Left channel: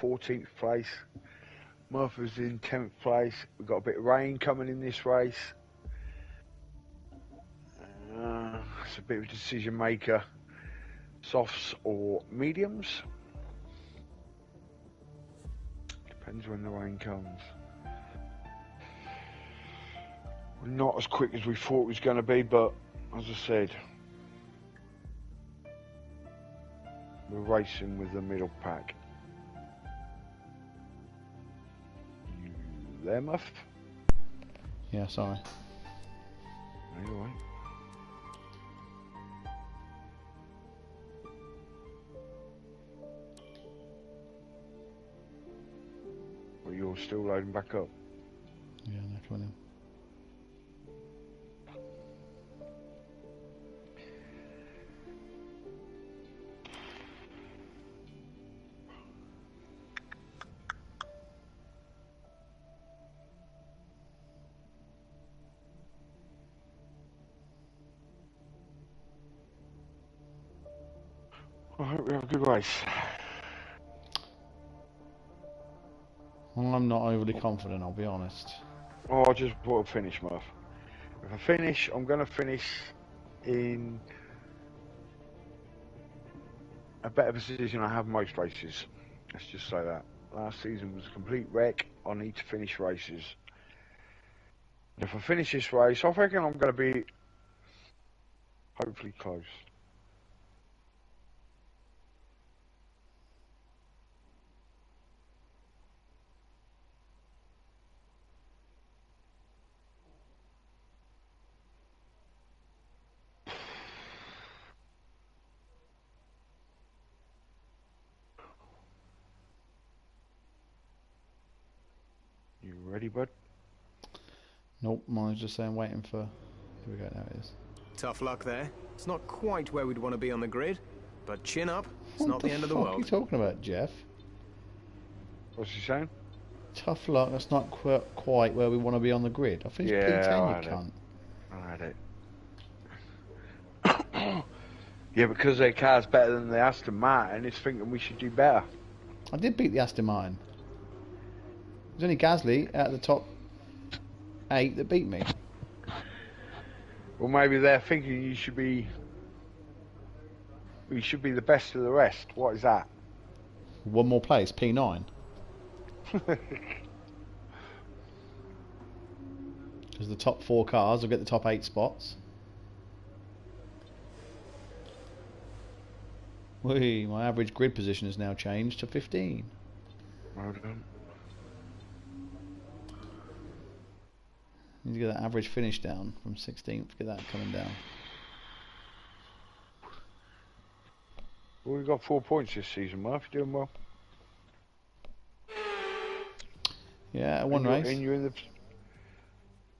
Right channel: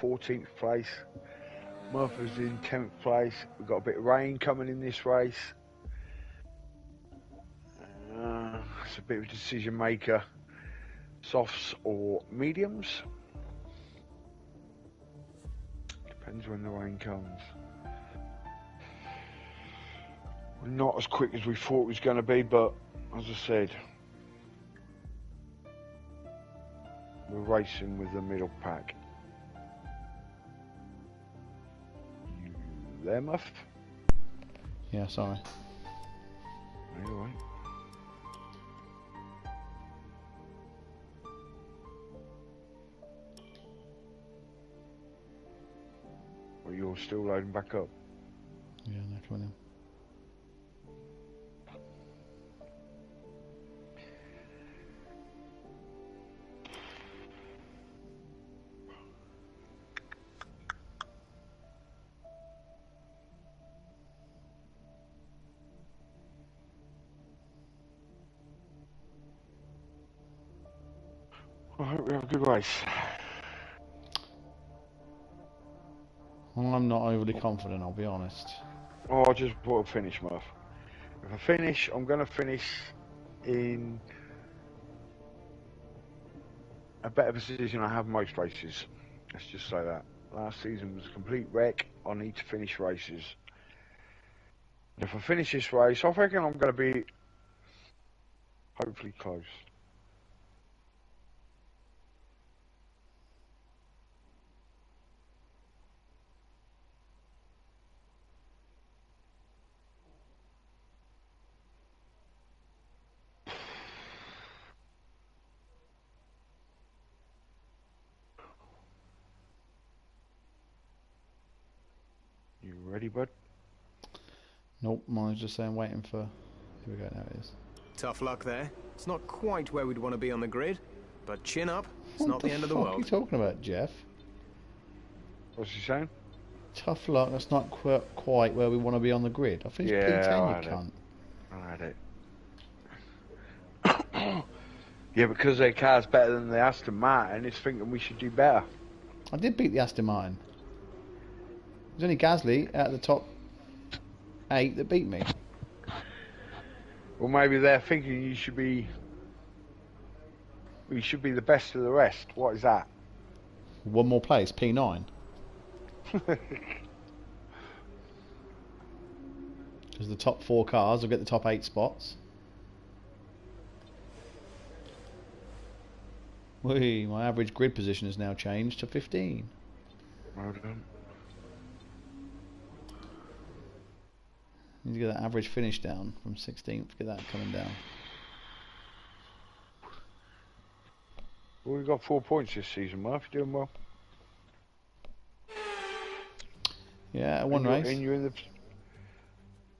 14th place. Murph was in 10th place. We've got a bit of rain coming in this race. It's a bit of a decision maker. Softs or mediums. Depends when the rain comes. We're not as quick as we thought it was going to be, but as I said, we're racing with the middle pack. You there, Muff? Yeah, sorry. Are you alright? Well, you're still loading back up? Yeah, no, come on in. I hope we have a good race. I'm not overly confident, I'll be honest. Oh, I just want to finish, Murph. If I finish, I'm going to finish in a better position I have most races. Let's just say that. Last season was a complete wreck. I need to finish races. If I finish this race, I reckon I'm going to be hopefully close. You ready, bud? Nope, mine's just saying waiting for... Here we go, now it is. Tough luck there. It's not quite where we'd want to be on the grid, but chin up, it's not the end of the world. What are you talking about, Jeff? What's he saying? Tough luck, that's not quite where we want to be on the grid. I finished P10, you cunt. I had it. Yeah, because their car's better than the Aston Martin, it's thinking we should do better. I did beat the Aston Martin. There's only Gasly out of the top 8 that beat me. Well, maybe they're thinking you should be... We should be the best of the rest. What is that? One more place, P9. Because the top 4 cars will get the top 8 spots. Whee, my average grid position has now changed to 15. Well done. Need to get that average finish down from 16th, get that coming down. Well, we've got 4 points this season, Murph. You're doing well. Yeah, one race. And you're in the...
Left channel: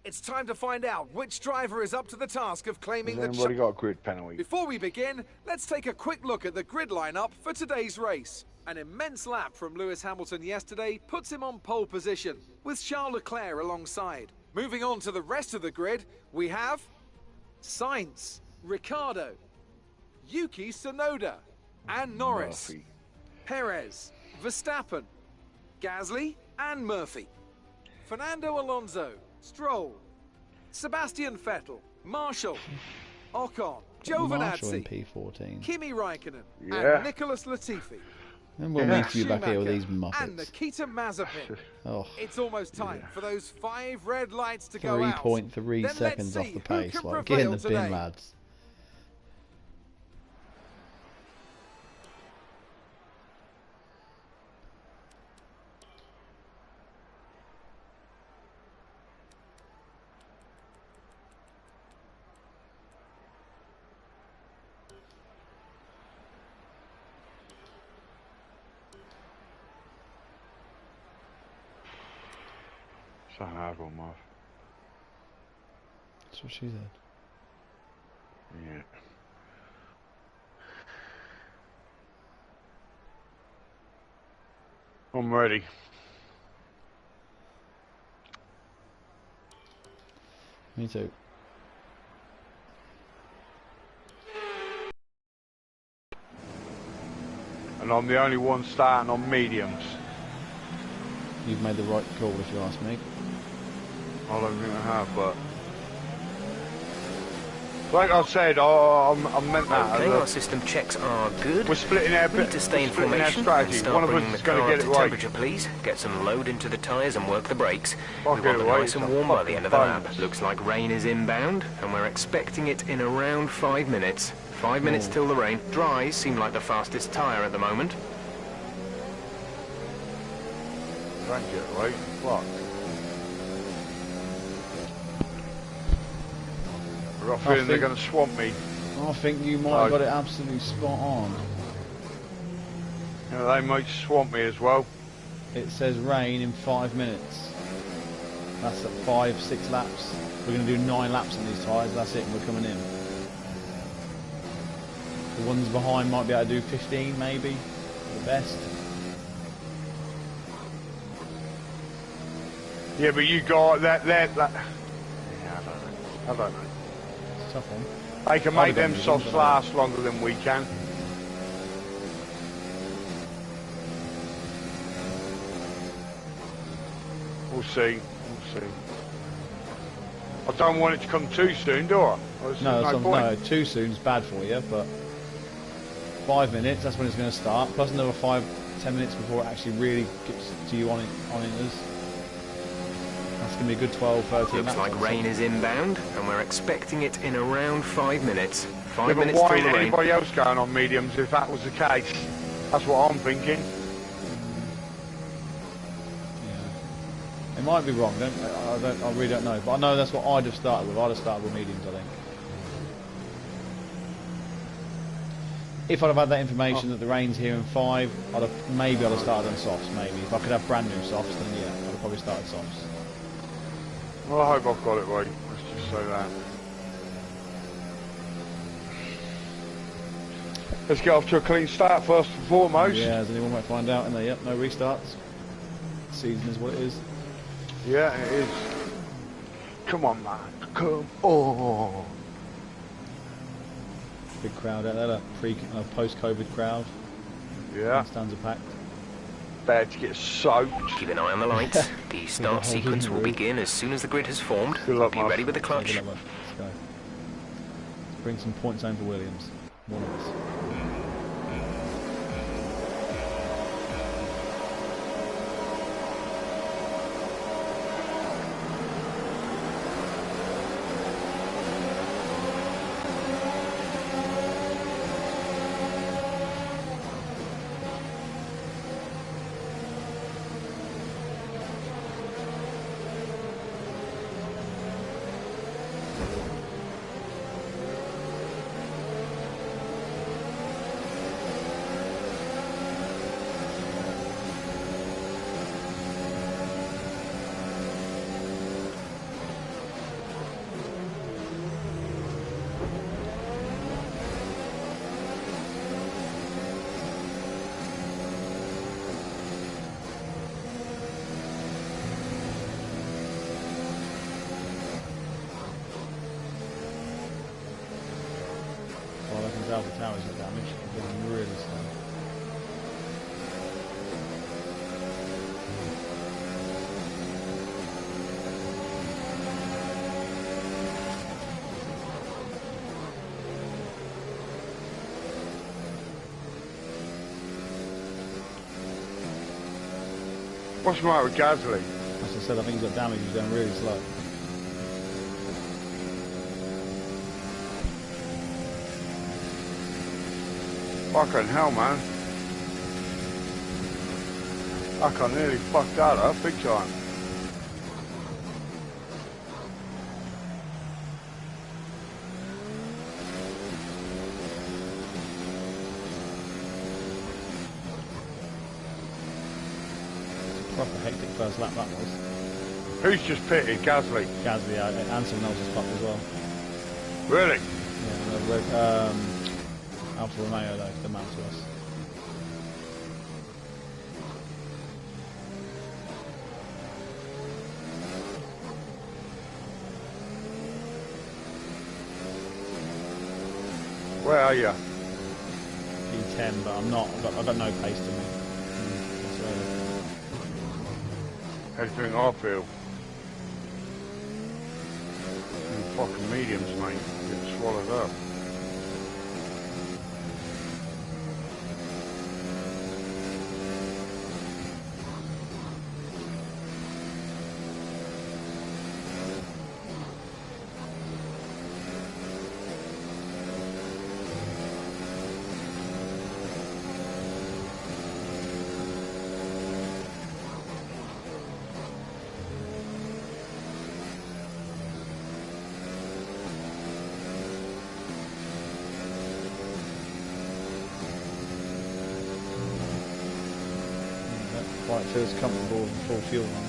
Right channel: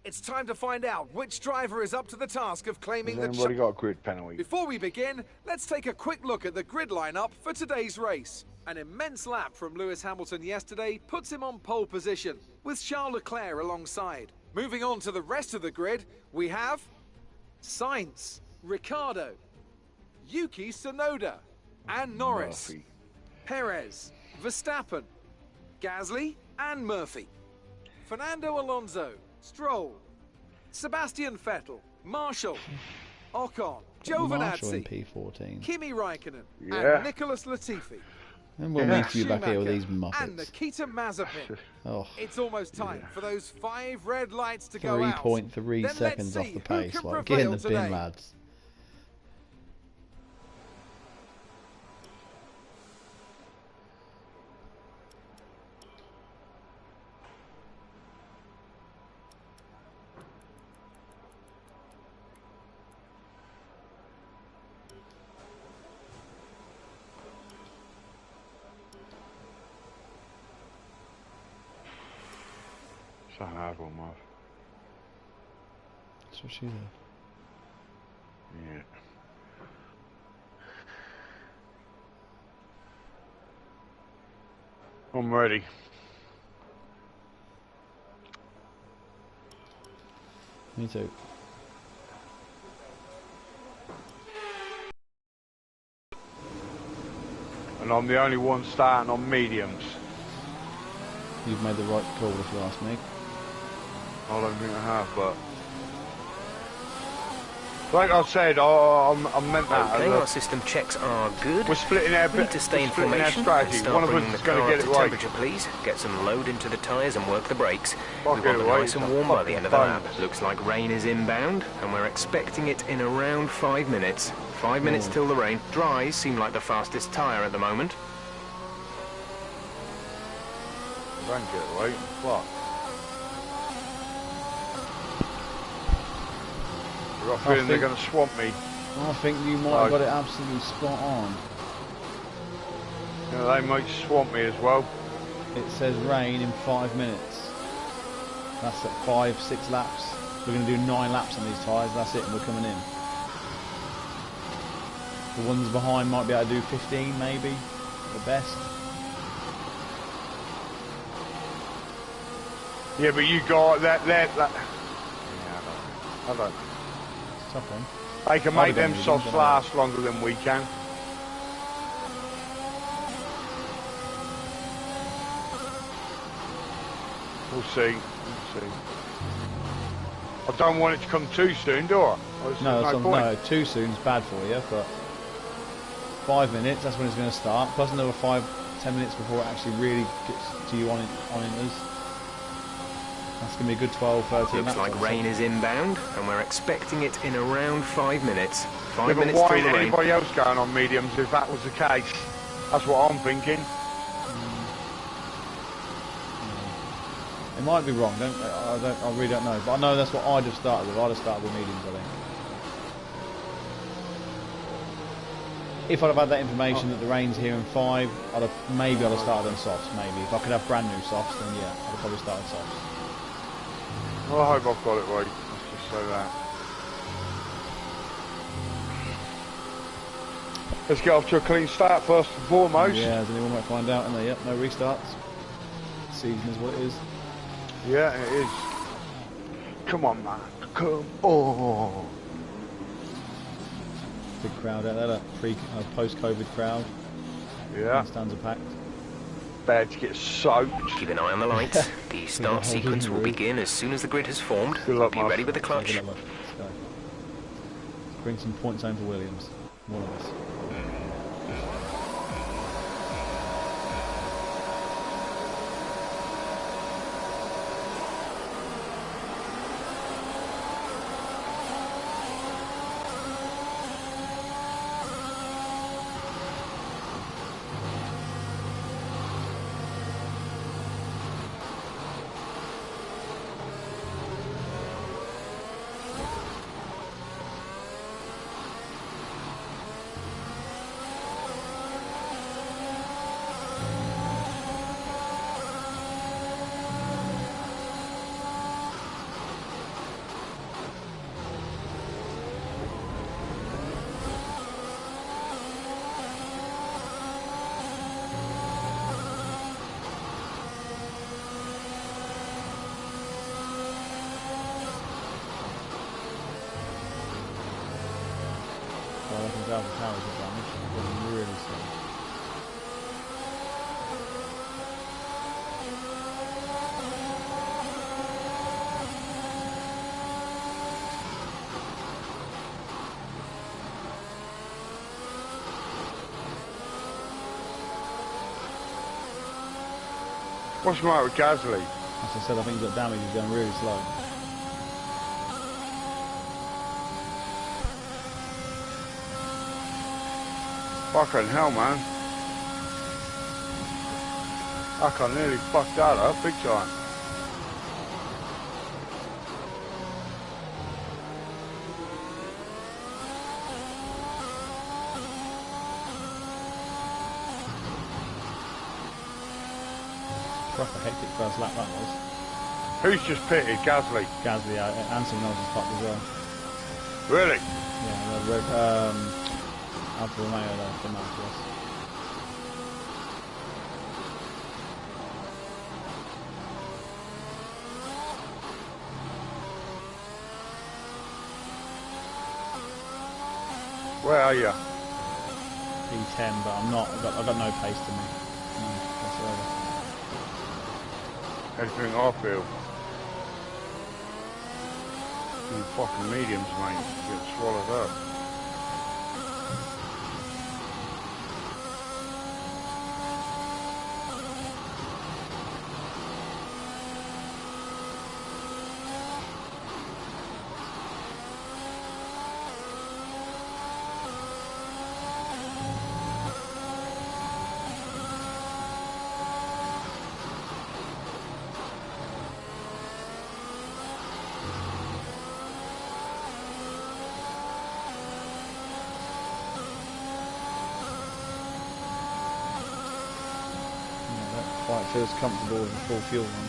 It's time to find out which driver is up to the task of claiming the... Has anybody got a grid penalty? Before we begin, let's take a quick look at the grid lineup for today's race. An immense lap from Lewis Hamilton yesterday puts him on pole position, with Charles Leclerc alongside. Moving on to the rest of the grid, we have Sainz, Ricciardo, Yuki Tsunoda, and Norris, Murphy. Perez, Verstappen, Gasly, and Murphy, Fernando Alonso, Stroll, Sebastian Vettel, Marshall, Ocon, Marshall in Giovinazzi, P14. Kimi Raikkonen, Yeah. and Nicholas Latifi. And we'll meet you back here with these And muppets. Nikita Mazepin. Oh, It's almost time for those 5 red lights to go out. 3.3 Then seconds let's off see the who pace. can Like, get in the prevail bin, today. lads. It's a hard one, Murph. That's what she said. Yeah. I'm ready. Me too. And I'm the only one starting on mediums. You've made the right call, if you ask me. I don't think I have, but like I said, I meant that. Okay, our system checks are good. We're splitting our We need to stay in formation and strategy. start One of us bringing is the going car to up get to it right. temperature, please. Get some load into the tyres and work the brakes. We Fuck want it them away, nice and it's a warm by the fucking end of the lap. bonus. Looks like rain is inbound, and we're expecting it in around 5 minutes. 5 minutes till the rain. Dries seem like the fastest tyre at the moment. Don't get it right. Fuck. I've got a feeling they're going to swamp me. I think you might have got it absolutely spot on. You know, they might swamp me as well. It says rain in 5 minutes. That's at 5, 6 laps. We're going to do 9 laps on these tyres, that's it, and we're coming in. The ones behind might be able to do 15 maybe, at best. Yeah, but you got that. Yeah, I don't know. It's a tough one. They can make them softs last longer than we can. We'll see. We'll see. I don't want it to come too soon, do I? No, too soon is bad for you, but 5 minutes, that's when it's going to start. Plus another 5-10 minutes before it actually really gets to you on us. That's going to be a good 12-13 Looks like rain is inbound, and we're expecting it in around 5 minutes. 5 Yeah, but minutes why till ain't the rain. anybody else going on mediums if that was the case? That's what I'm thinking. It might be wrong. I really don't know. But I know that's what I'd have started with. I'd have started with mediums, I think. If I'd have had that information that the rain's here in 5, I'd have started on softs. Maybe if I could have brand new softs, then yeah, I'd have probably started softs. Well, I hope I've got it right. Let's just say that. Let's get off to a clean start first and foremost. Yeah, as anyone might find out, and there, yep, no restarts. Season is what it is. Yeah, it is. Come on, man. Come on. Big crowd out there, that post-COVID crowd. Yeah. Stands are packed. Bad to get soaked. Keep an eye on the lights. The start sequence will begin as soon as the grid has formed. Good luck, Be Mark. ready with the clutch. Let's go. Let's bring some points home for Williams. One of us. Alpha Towers are damaged. They're going really slow. What's the matter with Gasly? As I said, I think he's got damage. He's going really slow. Fucking hell, man. I nearly fucked that up big time. Proper hectic first lap that was. Who's just pitted? Gasly. Gasly out, and someone else is fucked as well. Really? Yeah, Alfa Romeo though, come out to us. Where are you? P10, but I'm not. I've got no pace to me. Whatsoever. Everything I feel. And fucking mediums, mate. Get swallowed up. Quite feels comfortable with a full fuel run.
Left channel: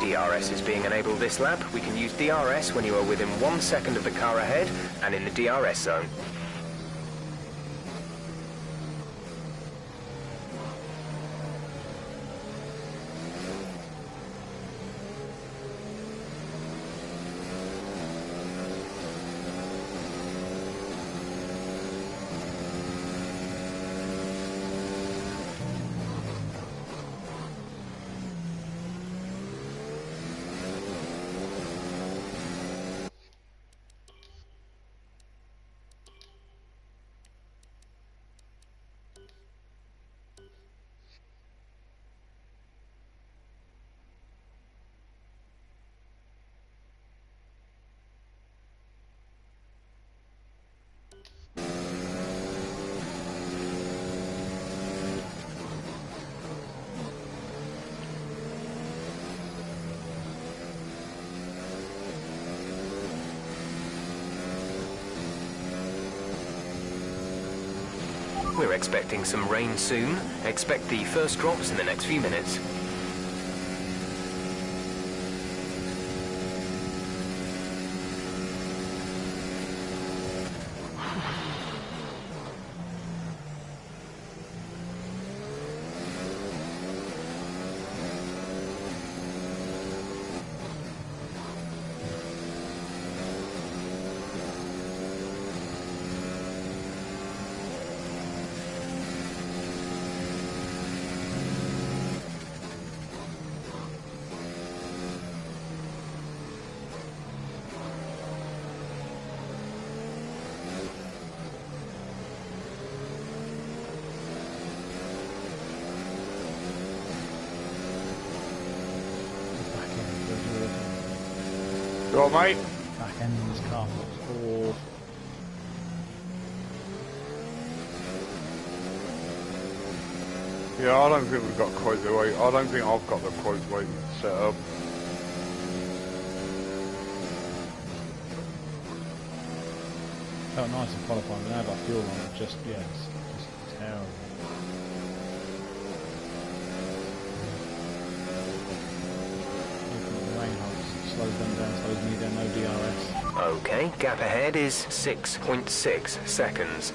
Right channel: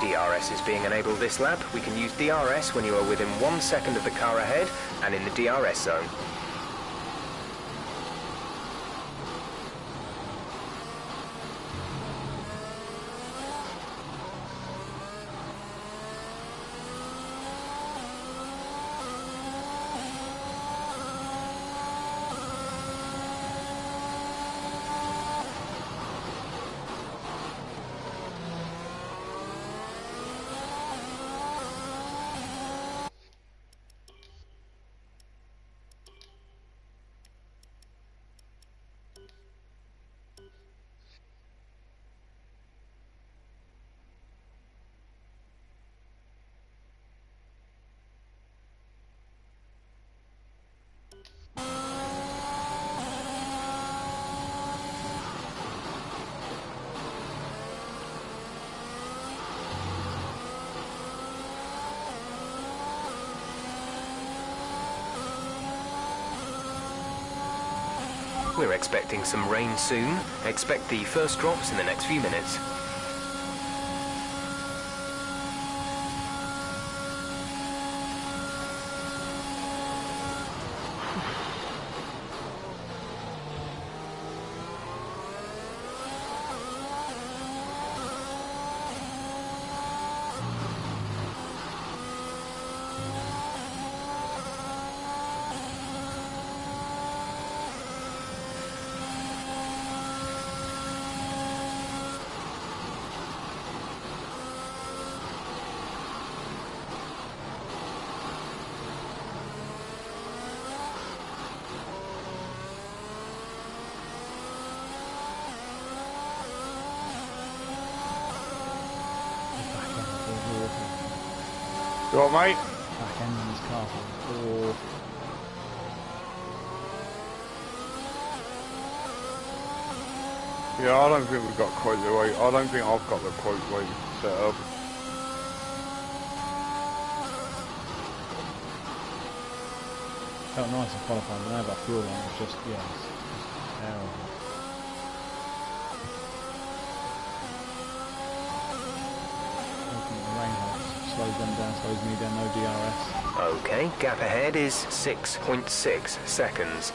DRS is being enabled this lap. We can use DRS when you are within 1 second of the car ahead and in the DRS zone. We're expecting some rain soon. Expect the first drops in the next few minutes. You all right, mate? Back end on this car looks awful. Yeah, I don't think we've got quite the way. I don't think I've got the quite way set up. Felt nice in qualifying, but now that fuel line is just, yeah, it's just terrible. Opening the rain helps, slows them down, slows me down, no DRS. Okay, gap ahead is 6.6 seconds.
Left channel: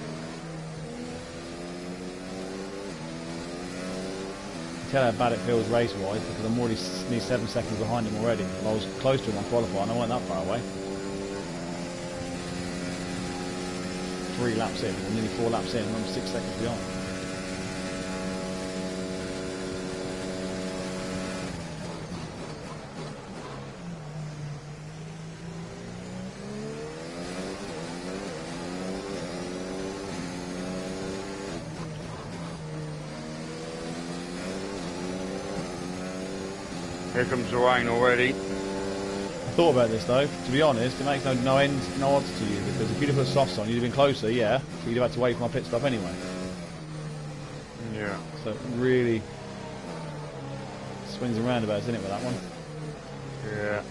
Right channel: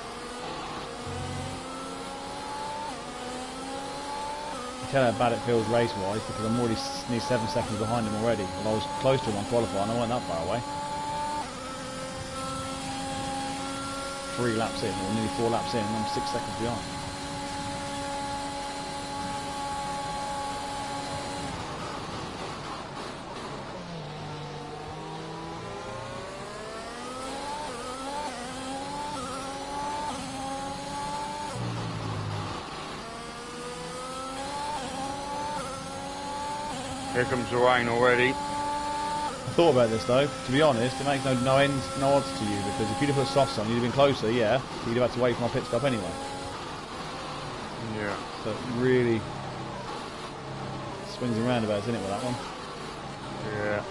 You tell how bad it feels race-wise because I'm already nearly 7 seconds behind him already. Well, I was close to him on qualifying, I wasn't that far away. 3 laps in, or nearly 4 laps in, and I'm 6 seconds behind. Here comes the rain already. I thought about this though, to be honest, it makes no odds to you, because if you'd have put softs on, you'd have been closer, yeah, but you'd have had to wait for my pit stop anyway. Yeah. So it really swings and roundabouts, isn't it, with that one? Yeah.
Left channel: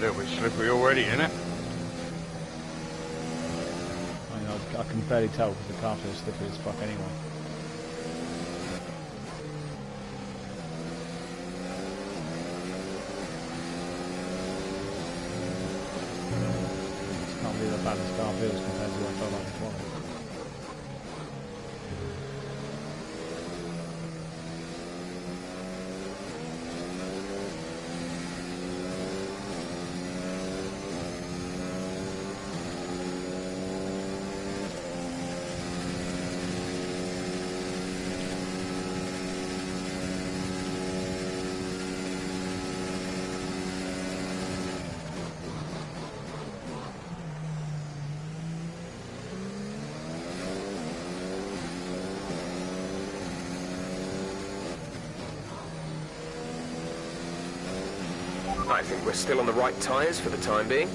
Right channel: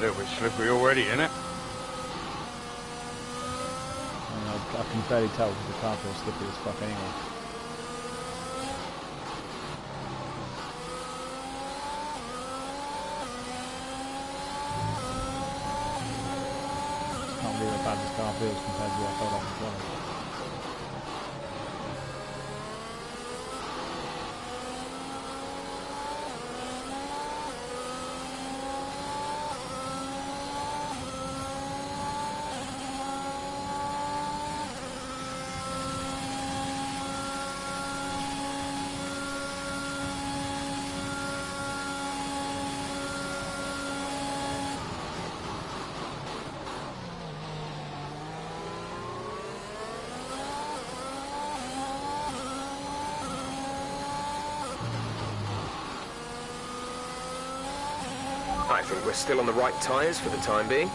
A little bit slippery already, isn't it? I mean, I can barely tell because the car feels slippery as fuck anyway. Just can't believe how bad this car feels compared to what I felt like before. I think we're still on the right tyres for the time being.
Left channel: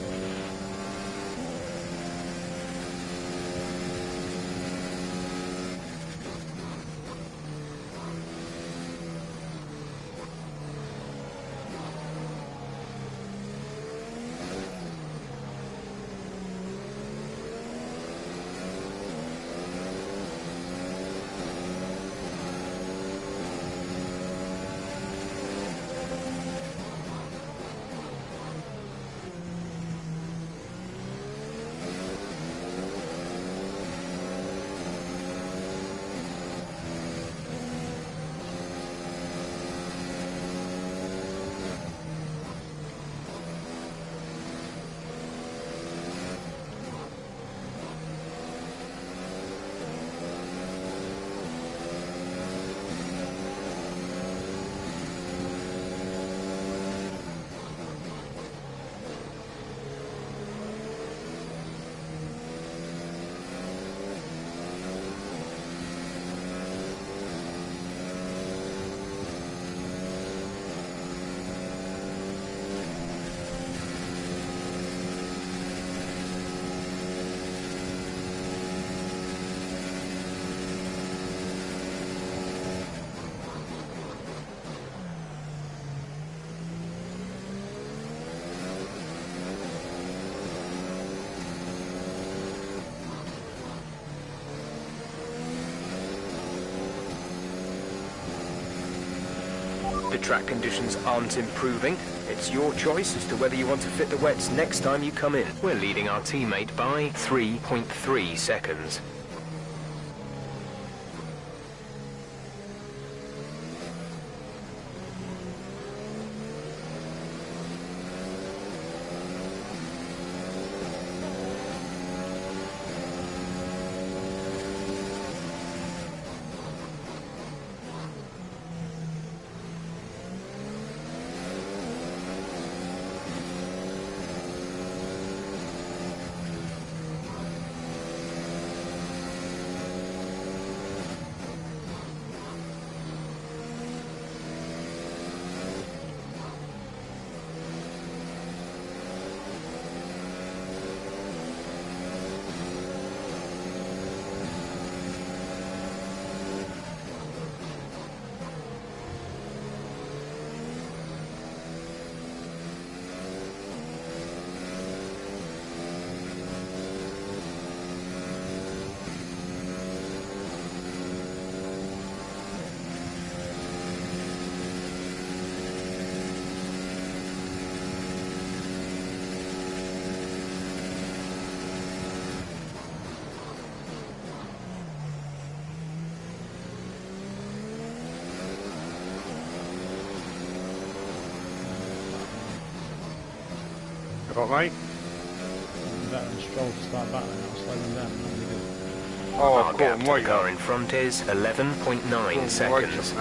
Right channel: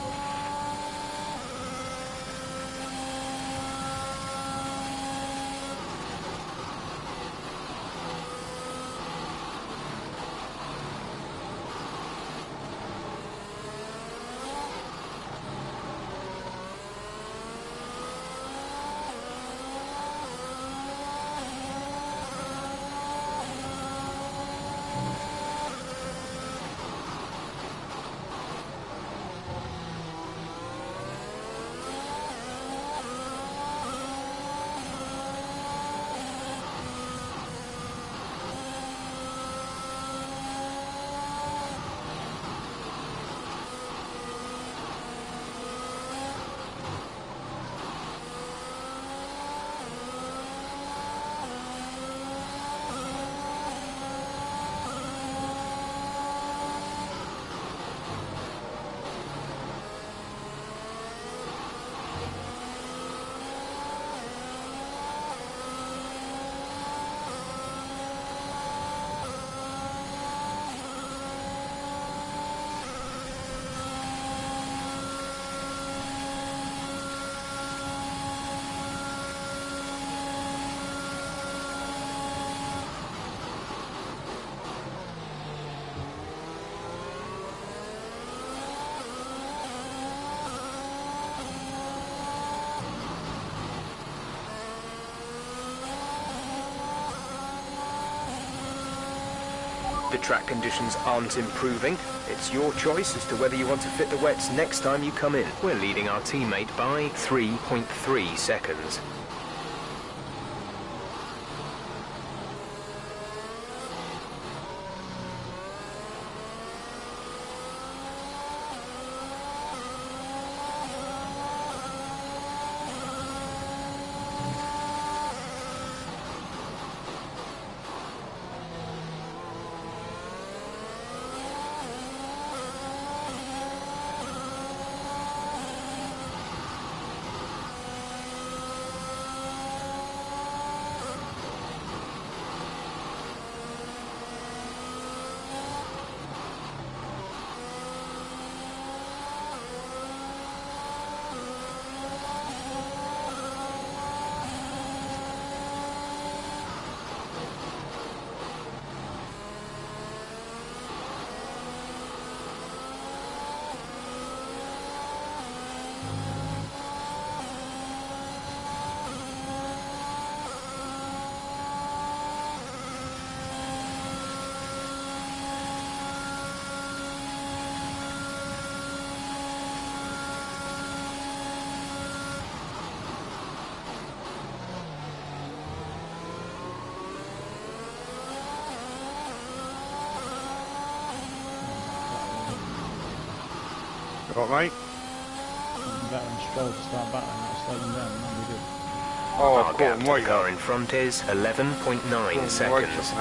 The track conditions aren't improving. It's your choice as to whether you want to fit the wets next time you come in. We're leading our teammate by 3.3 seconds. Got mate? Better than Stroll to start battling, that'll slow them down, that'll be good. Oh, Our I've gap got to the way car in front is 11.9 seconds.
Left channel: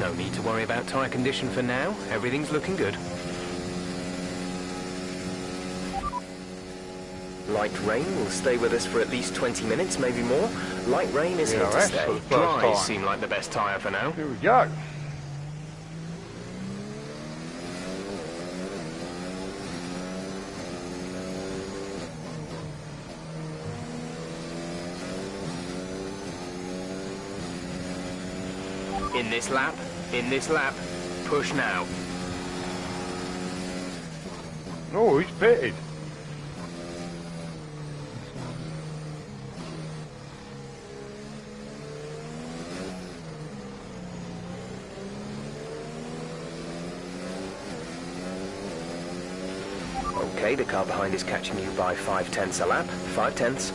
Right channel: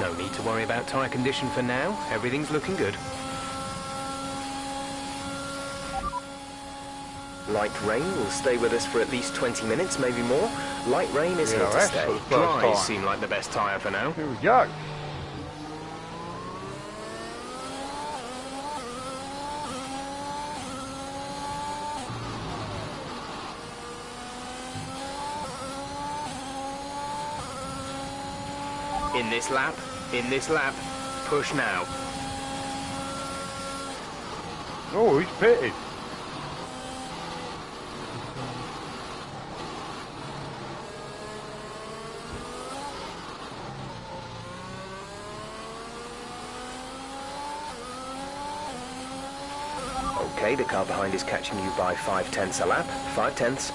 No need to worry about tyre condition for now. Everything's looking good. Light rain will stay with us for at least 20 minutes, maybe more. Light rain is here to DRS stay. for the first Dries time. seem like the best tyre for now. Here we go. In this lap, push now. Oh, he's pitted. Okay, the car behind is catching you by 5/10 a lap. 5/10.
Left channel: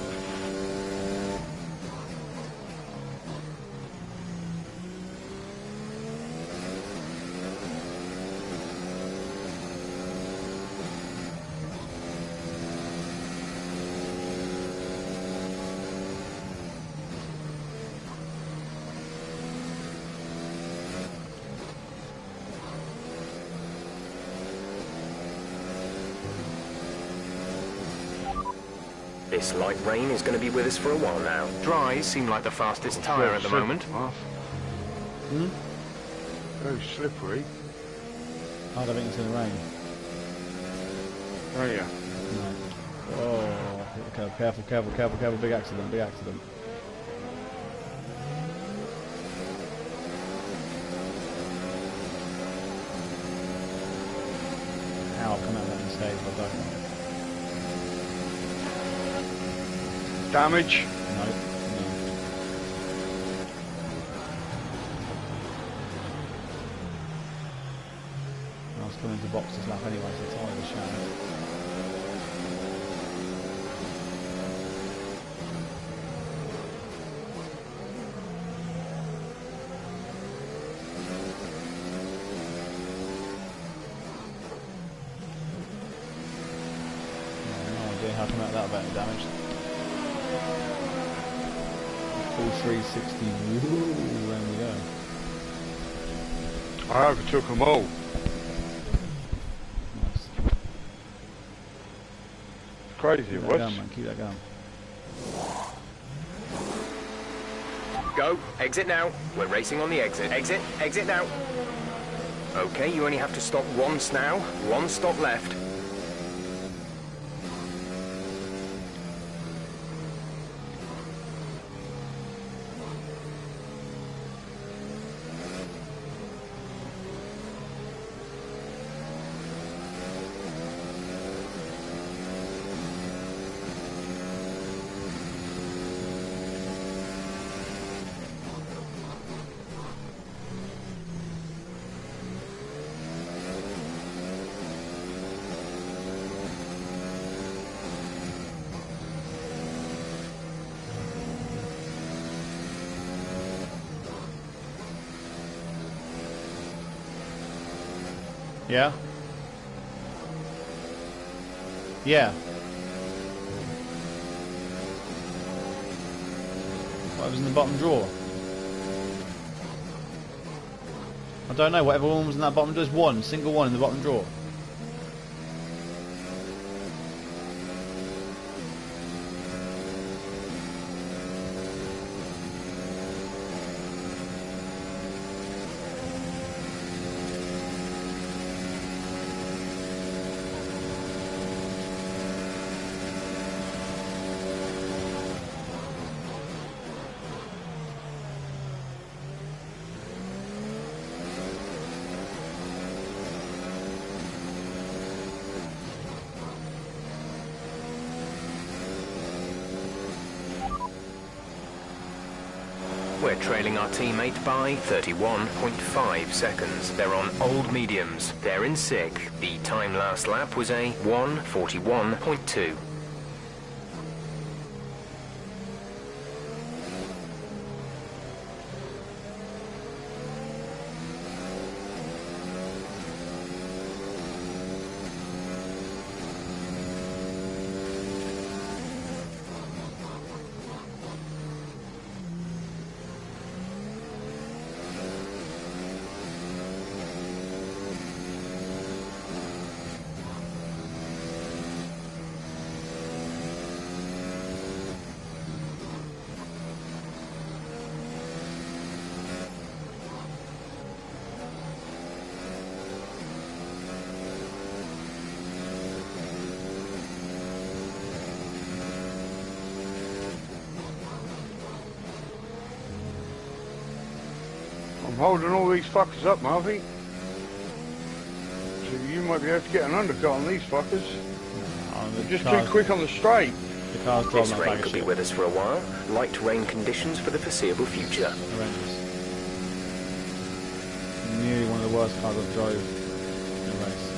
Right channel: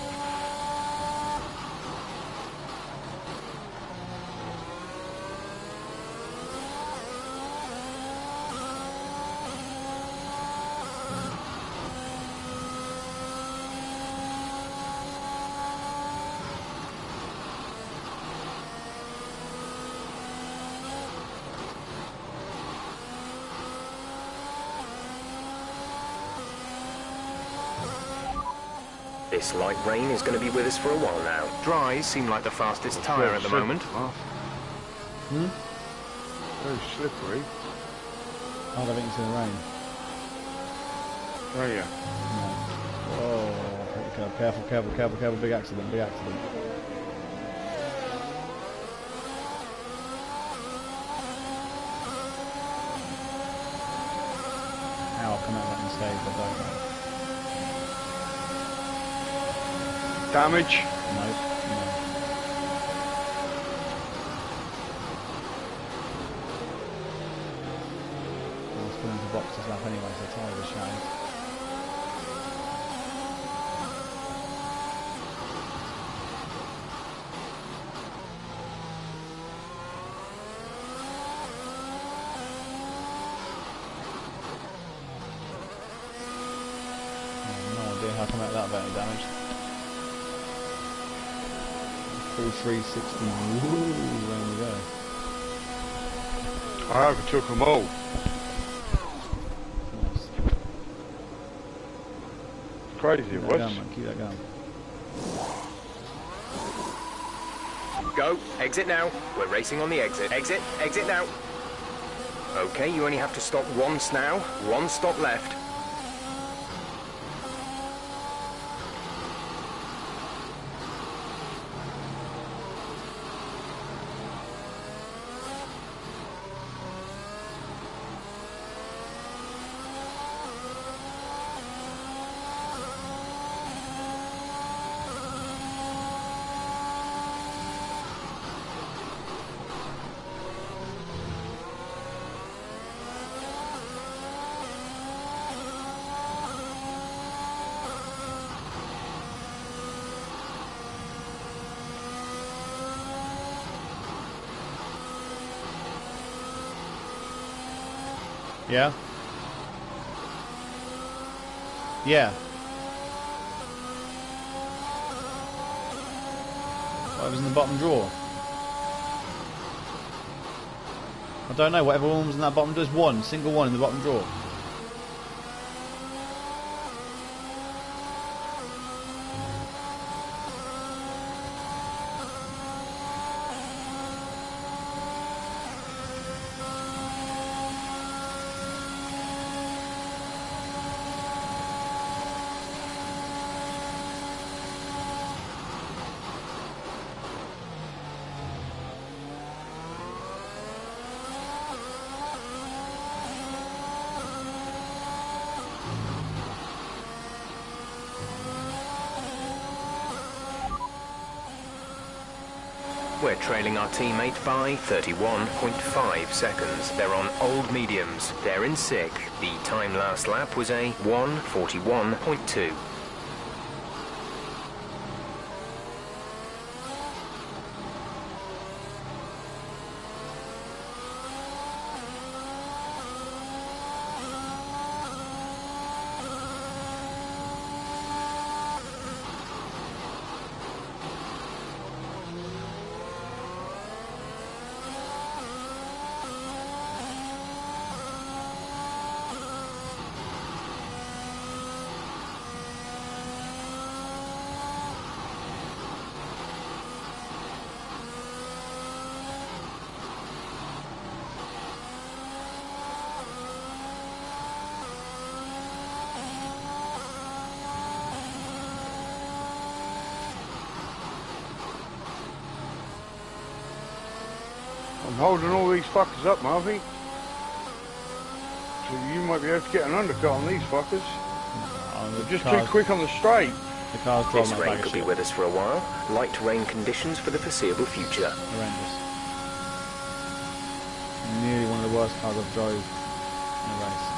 This light rain is going to be with us for a while now. Dries seem like the fastest tyre at the moment. Hmm? Very slippery. I don't think it's in the rain. Oh yeah. No. Whoa. Okay, careful, careful, careful, careful. Big accident, big accident. How I'll come out of that mistake, I don't know. Damage. No, no. I was coming to box this lap anyway, so the tyre was shattered. No idea how come out of that without any damage. Full 360, woo, round we go. I overtook them all. Nice. Crazy Keep it that was. going, man, keep that going. Go. Exit now. We're racing on the exit. Exit. Exit now. Okay, you only have to stop once now. One stop left. Yeah? Yeah. Whatever's in the bottom drawer. I don't know, whatever one was in that bottom drawer. There's one, single one in the bottom drawer. We're trailing our teammate by 31.5 seconds. They're on old mediums. They're in sick. The time last lap was a 1:41.2. I'm holding all these fuckers up, Marvy. So you might be able to get an undercut on these fuckers. They're just too quick on the straight. The car's This driving rain could be with us for a while. Light rain conditions for the foreseeable future. Horrendous. Nearly one of the worst cars I've drove in a race.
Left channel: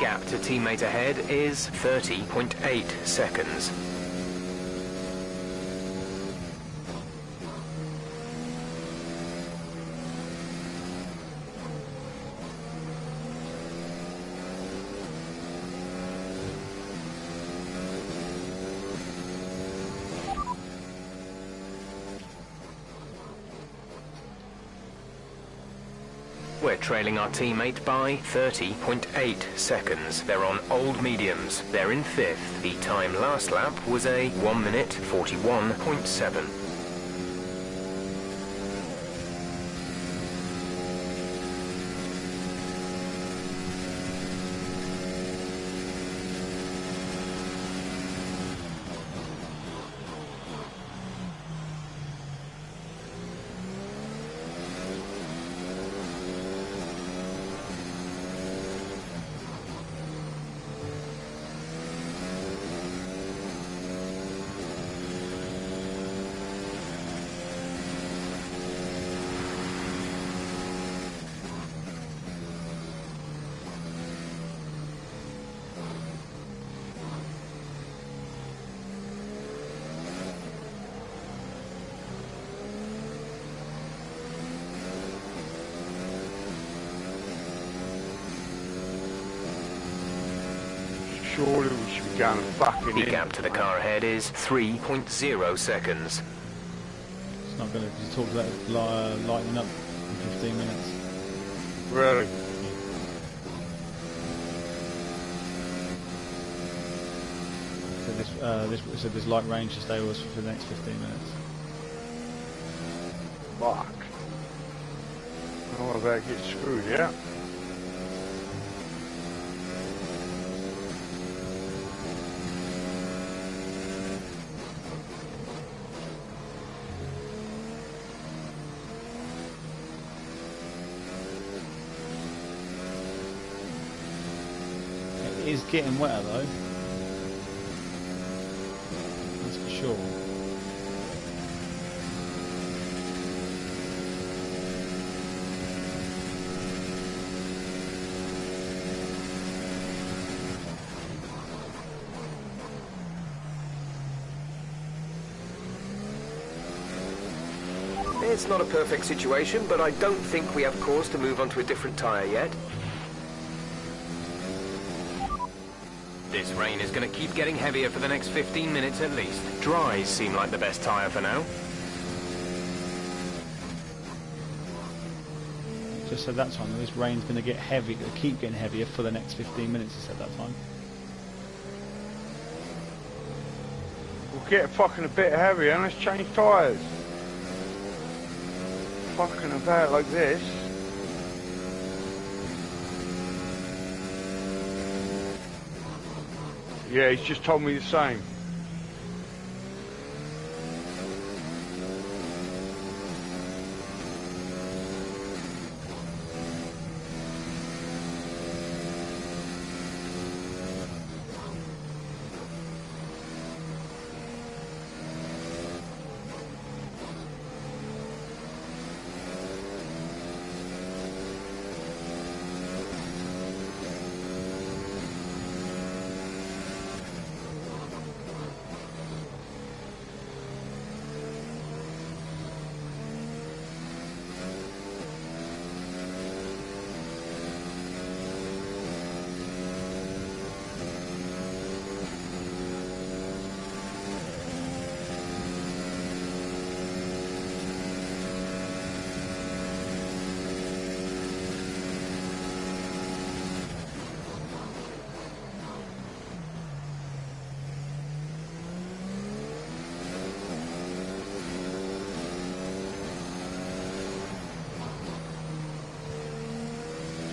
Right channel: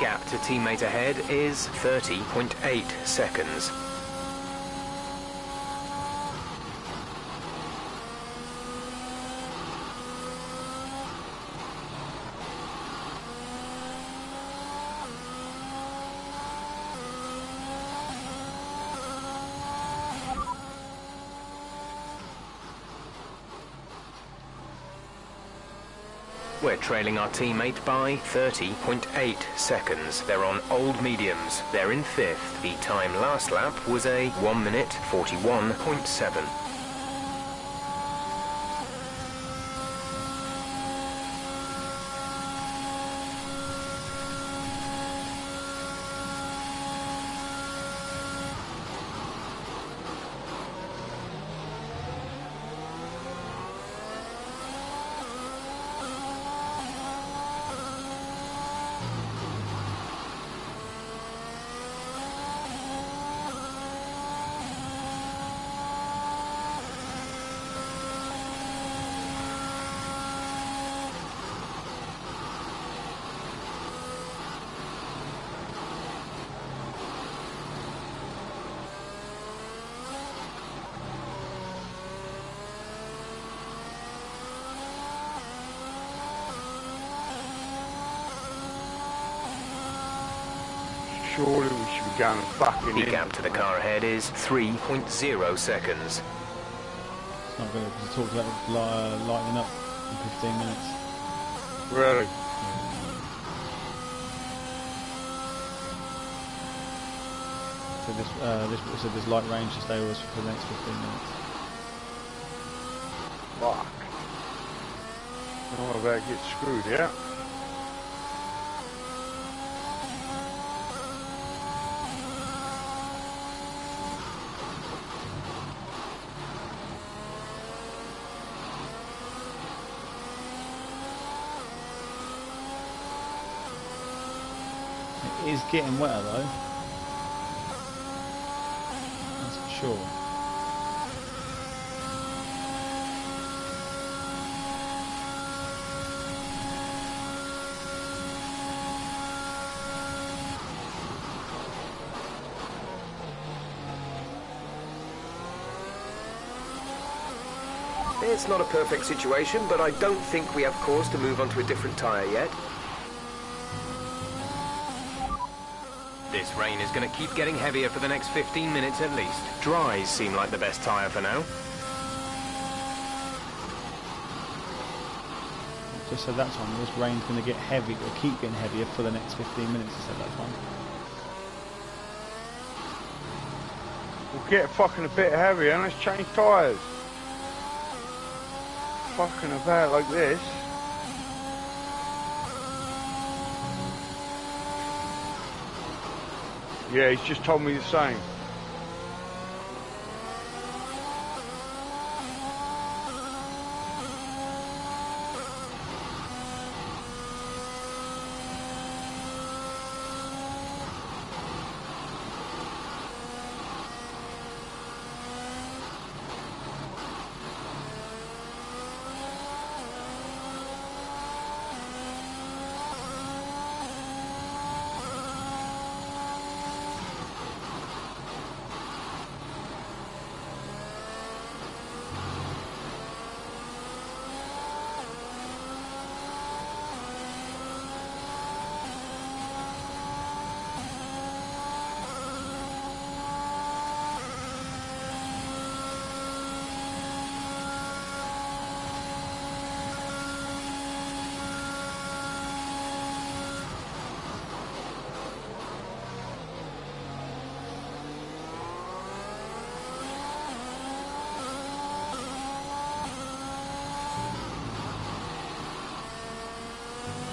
Gap to teammate ahead is 30.8 seconds. We're trailing our teammate by 30.8 seconds. They're on old mediums. They're in 5th. The time last lap was a 1 minute 41.7. Surely we should be going fucking The in. gap to the car ahead is 3.0 seconds. It's not good because it talks about lightening up in 15 minutes. Really? So this light range to stay with us for the next 15 minutes. Fuck. Oh, I better get screwed, yeah? It is getting wetter though. That's for sure. It's not a perfect situation, but I don't think we have cause to move on to a different tyre yet. This rain is going to keep getting heavier for the next 15 minutes at least. Dries seem like the best tyre for now. Just said that time, this rain's going to get heavy, it'll keep getting heavier for the next 15 minutes, he said that time. We'll get fucking a bit heavier and let's change tyres. Fucking about like this. Yeah, he's just told me the same.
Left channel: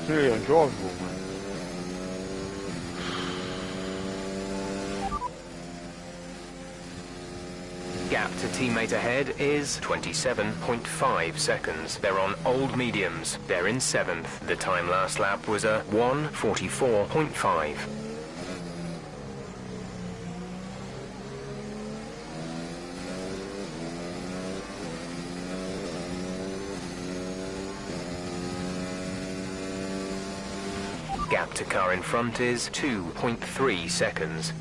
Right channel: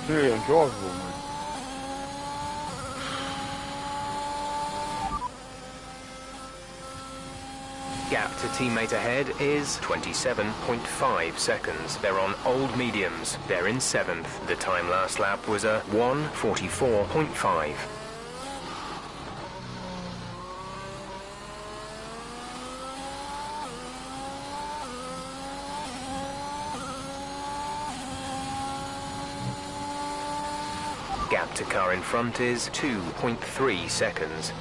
It's really undrivable, man. Gap to teammate ahead is 27.5 seconds. They're on old mediums. They're in 7th. The time last lap was a 1:44.5. Gap to car in front is 2.3 seconds.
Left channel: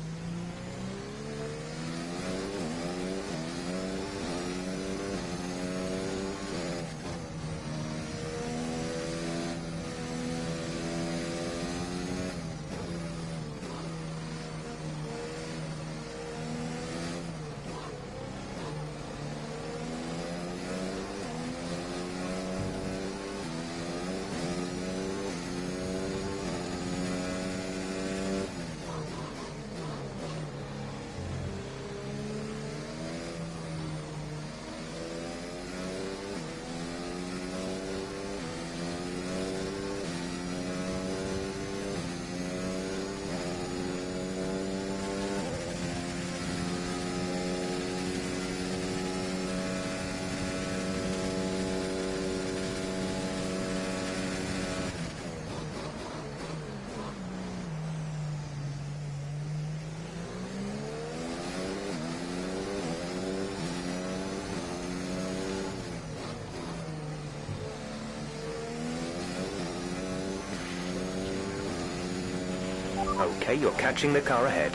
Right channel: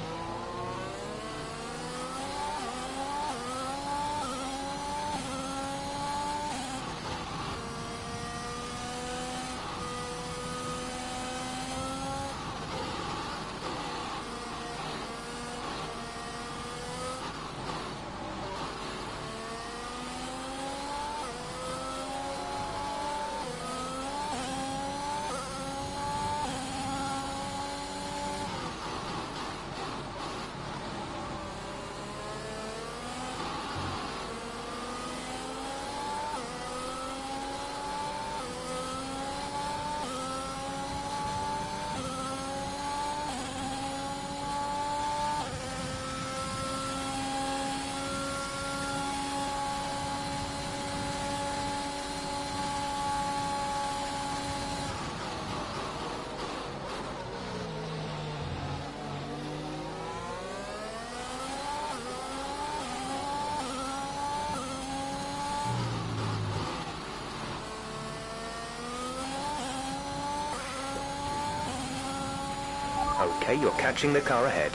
Okay, you're catching the car ahead.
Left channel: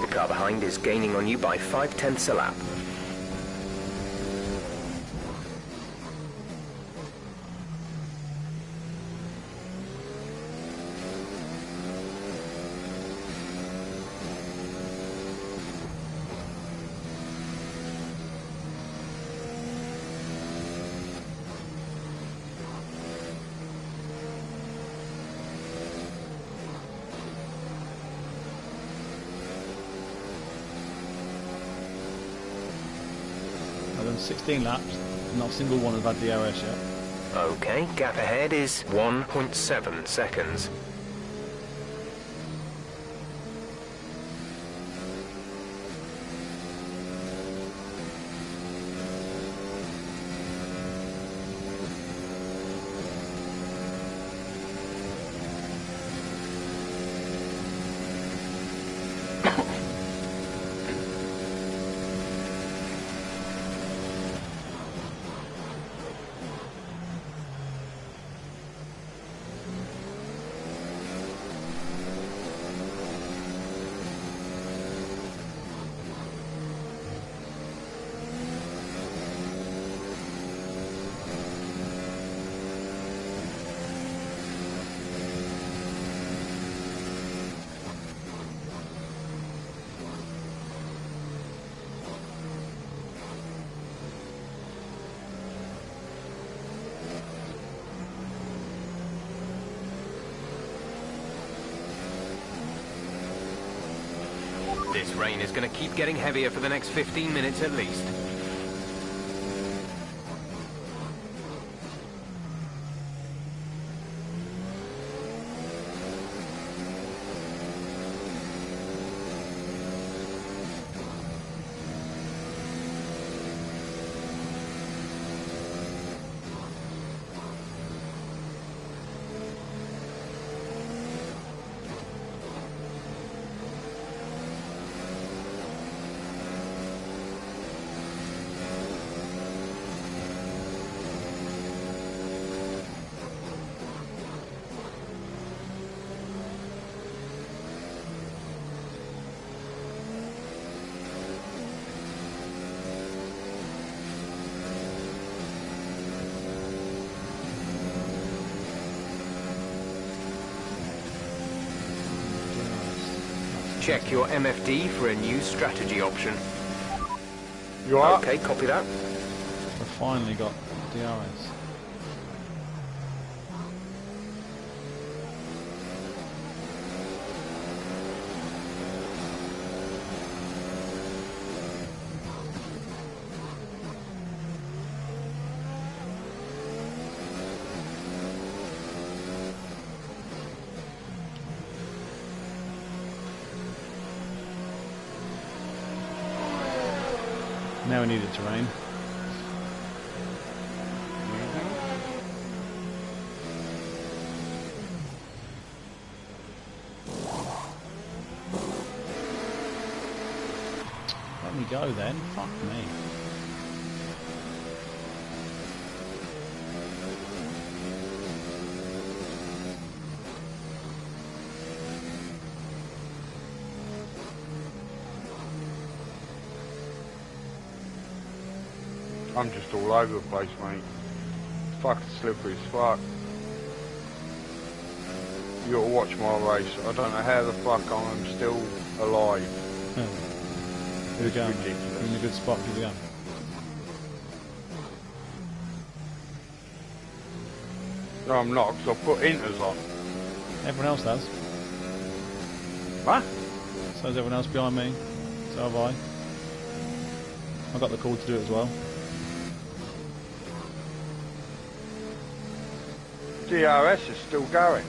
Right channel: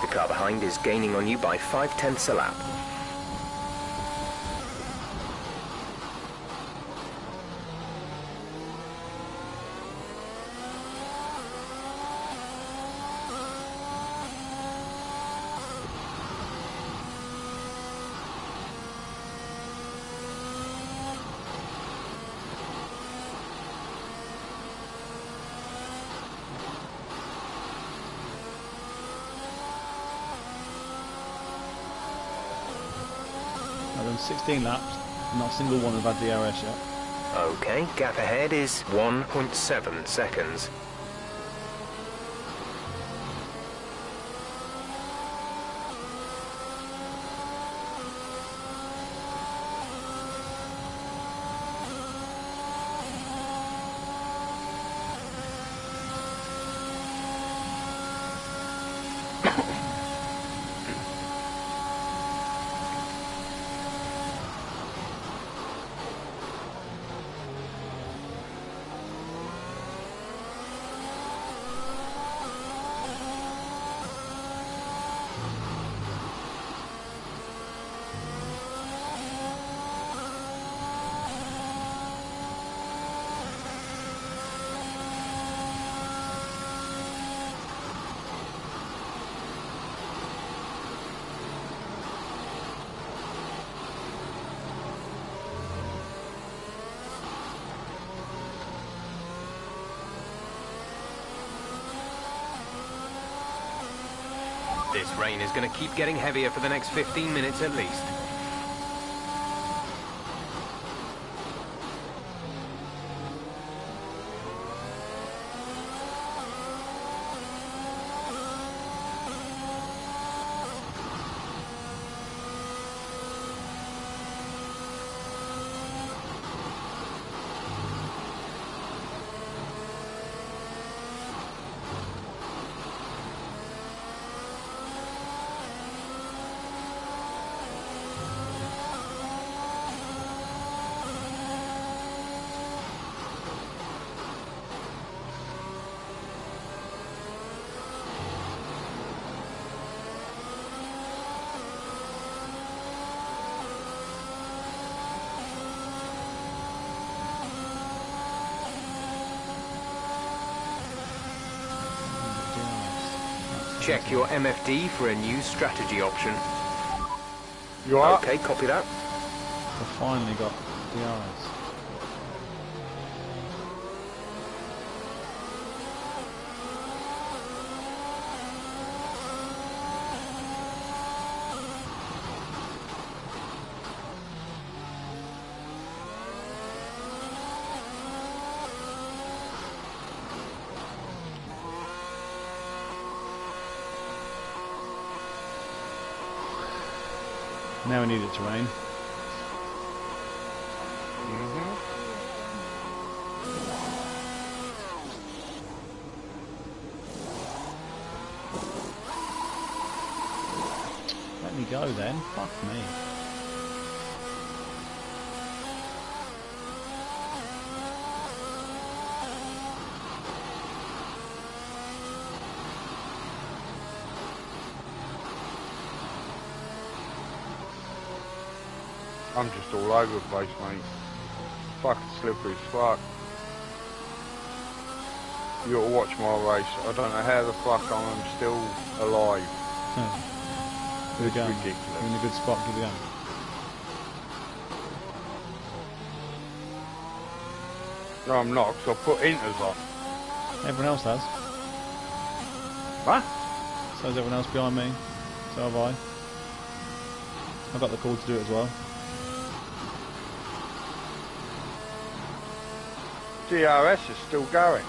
The car behind is gaining on you by 0.5 a lap. I've done 16 laps, not a single one have had DRS yet. Okay, gap ahead is 1.7 seconds. This rain is going to keep getting heavier for the next 15 minutes at least. Check your MFD for a new strategy option. You are? Okay, copy that. For finally got DRS. Now we need it to rain. Let me go then. Fuck me. I'm just all over the place, mate. Fucking slippery as fuck. You gotta watch my race. I don't know how the fuck I'm still alive. Here we It's go. ridiculous. You're in a good spot. Keep it going. No, I'm not, because I put inters on. Everyone else does. What? So does everyone else behind me. So have I. I got the call to do it as well. DRS is still going.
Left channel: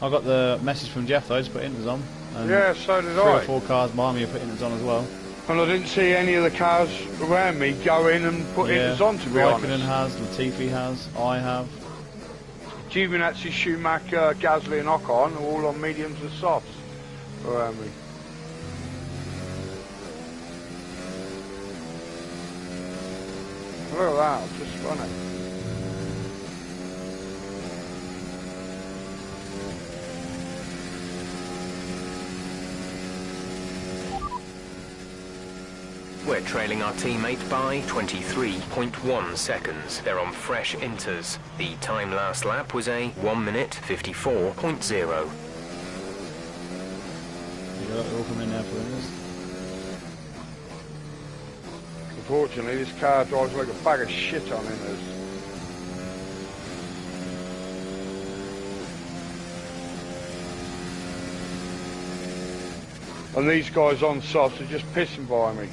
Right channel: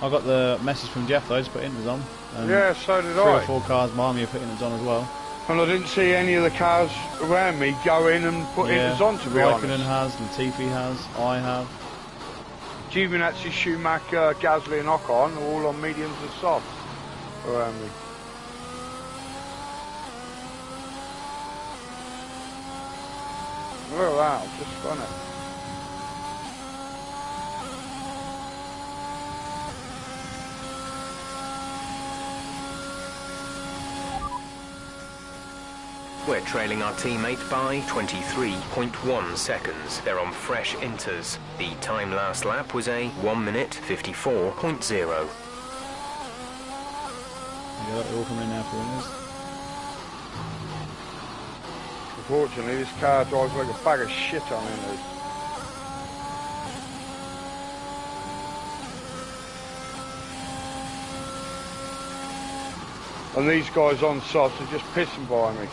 I got the message from Jeff though to put inters on. And Yeah, so did 3 or I. 4 cars behind me have put inters on as well. And I didn't see any of the cars around me go in and put inters on, to be Raikkonen honest. has, Latifi has, I have. Giovinazzi, Schumacher, Gasly and Ocon are all on mediums and softs around me. Look at that, I've just spun it. We're trailing our teammate by 23.1 seconds. They're on fresh inters. The time last lap was a 1 minute 54.0. You got it all coming in now for winners. Unfortunately, this car drives like a bag of shit on inters. And these guys on softs are just pissing by me.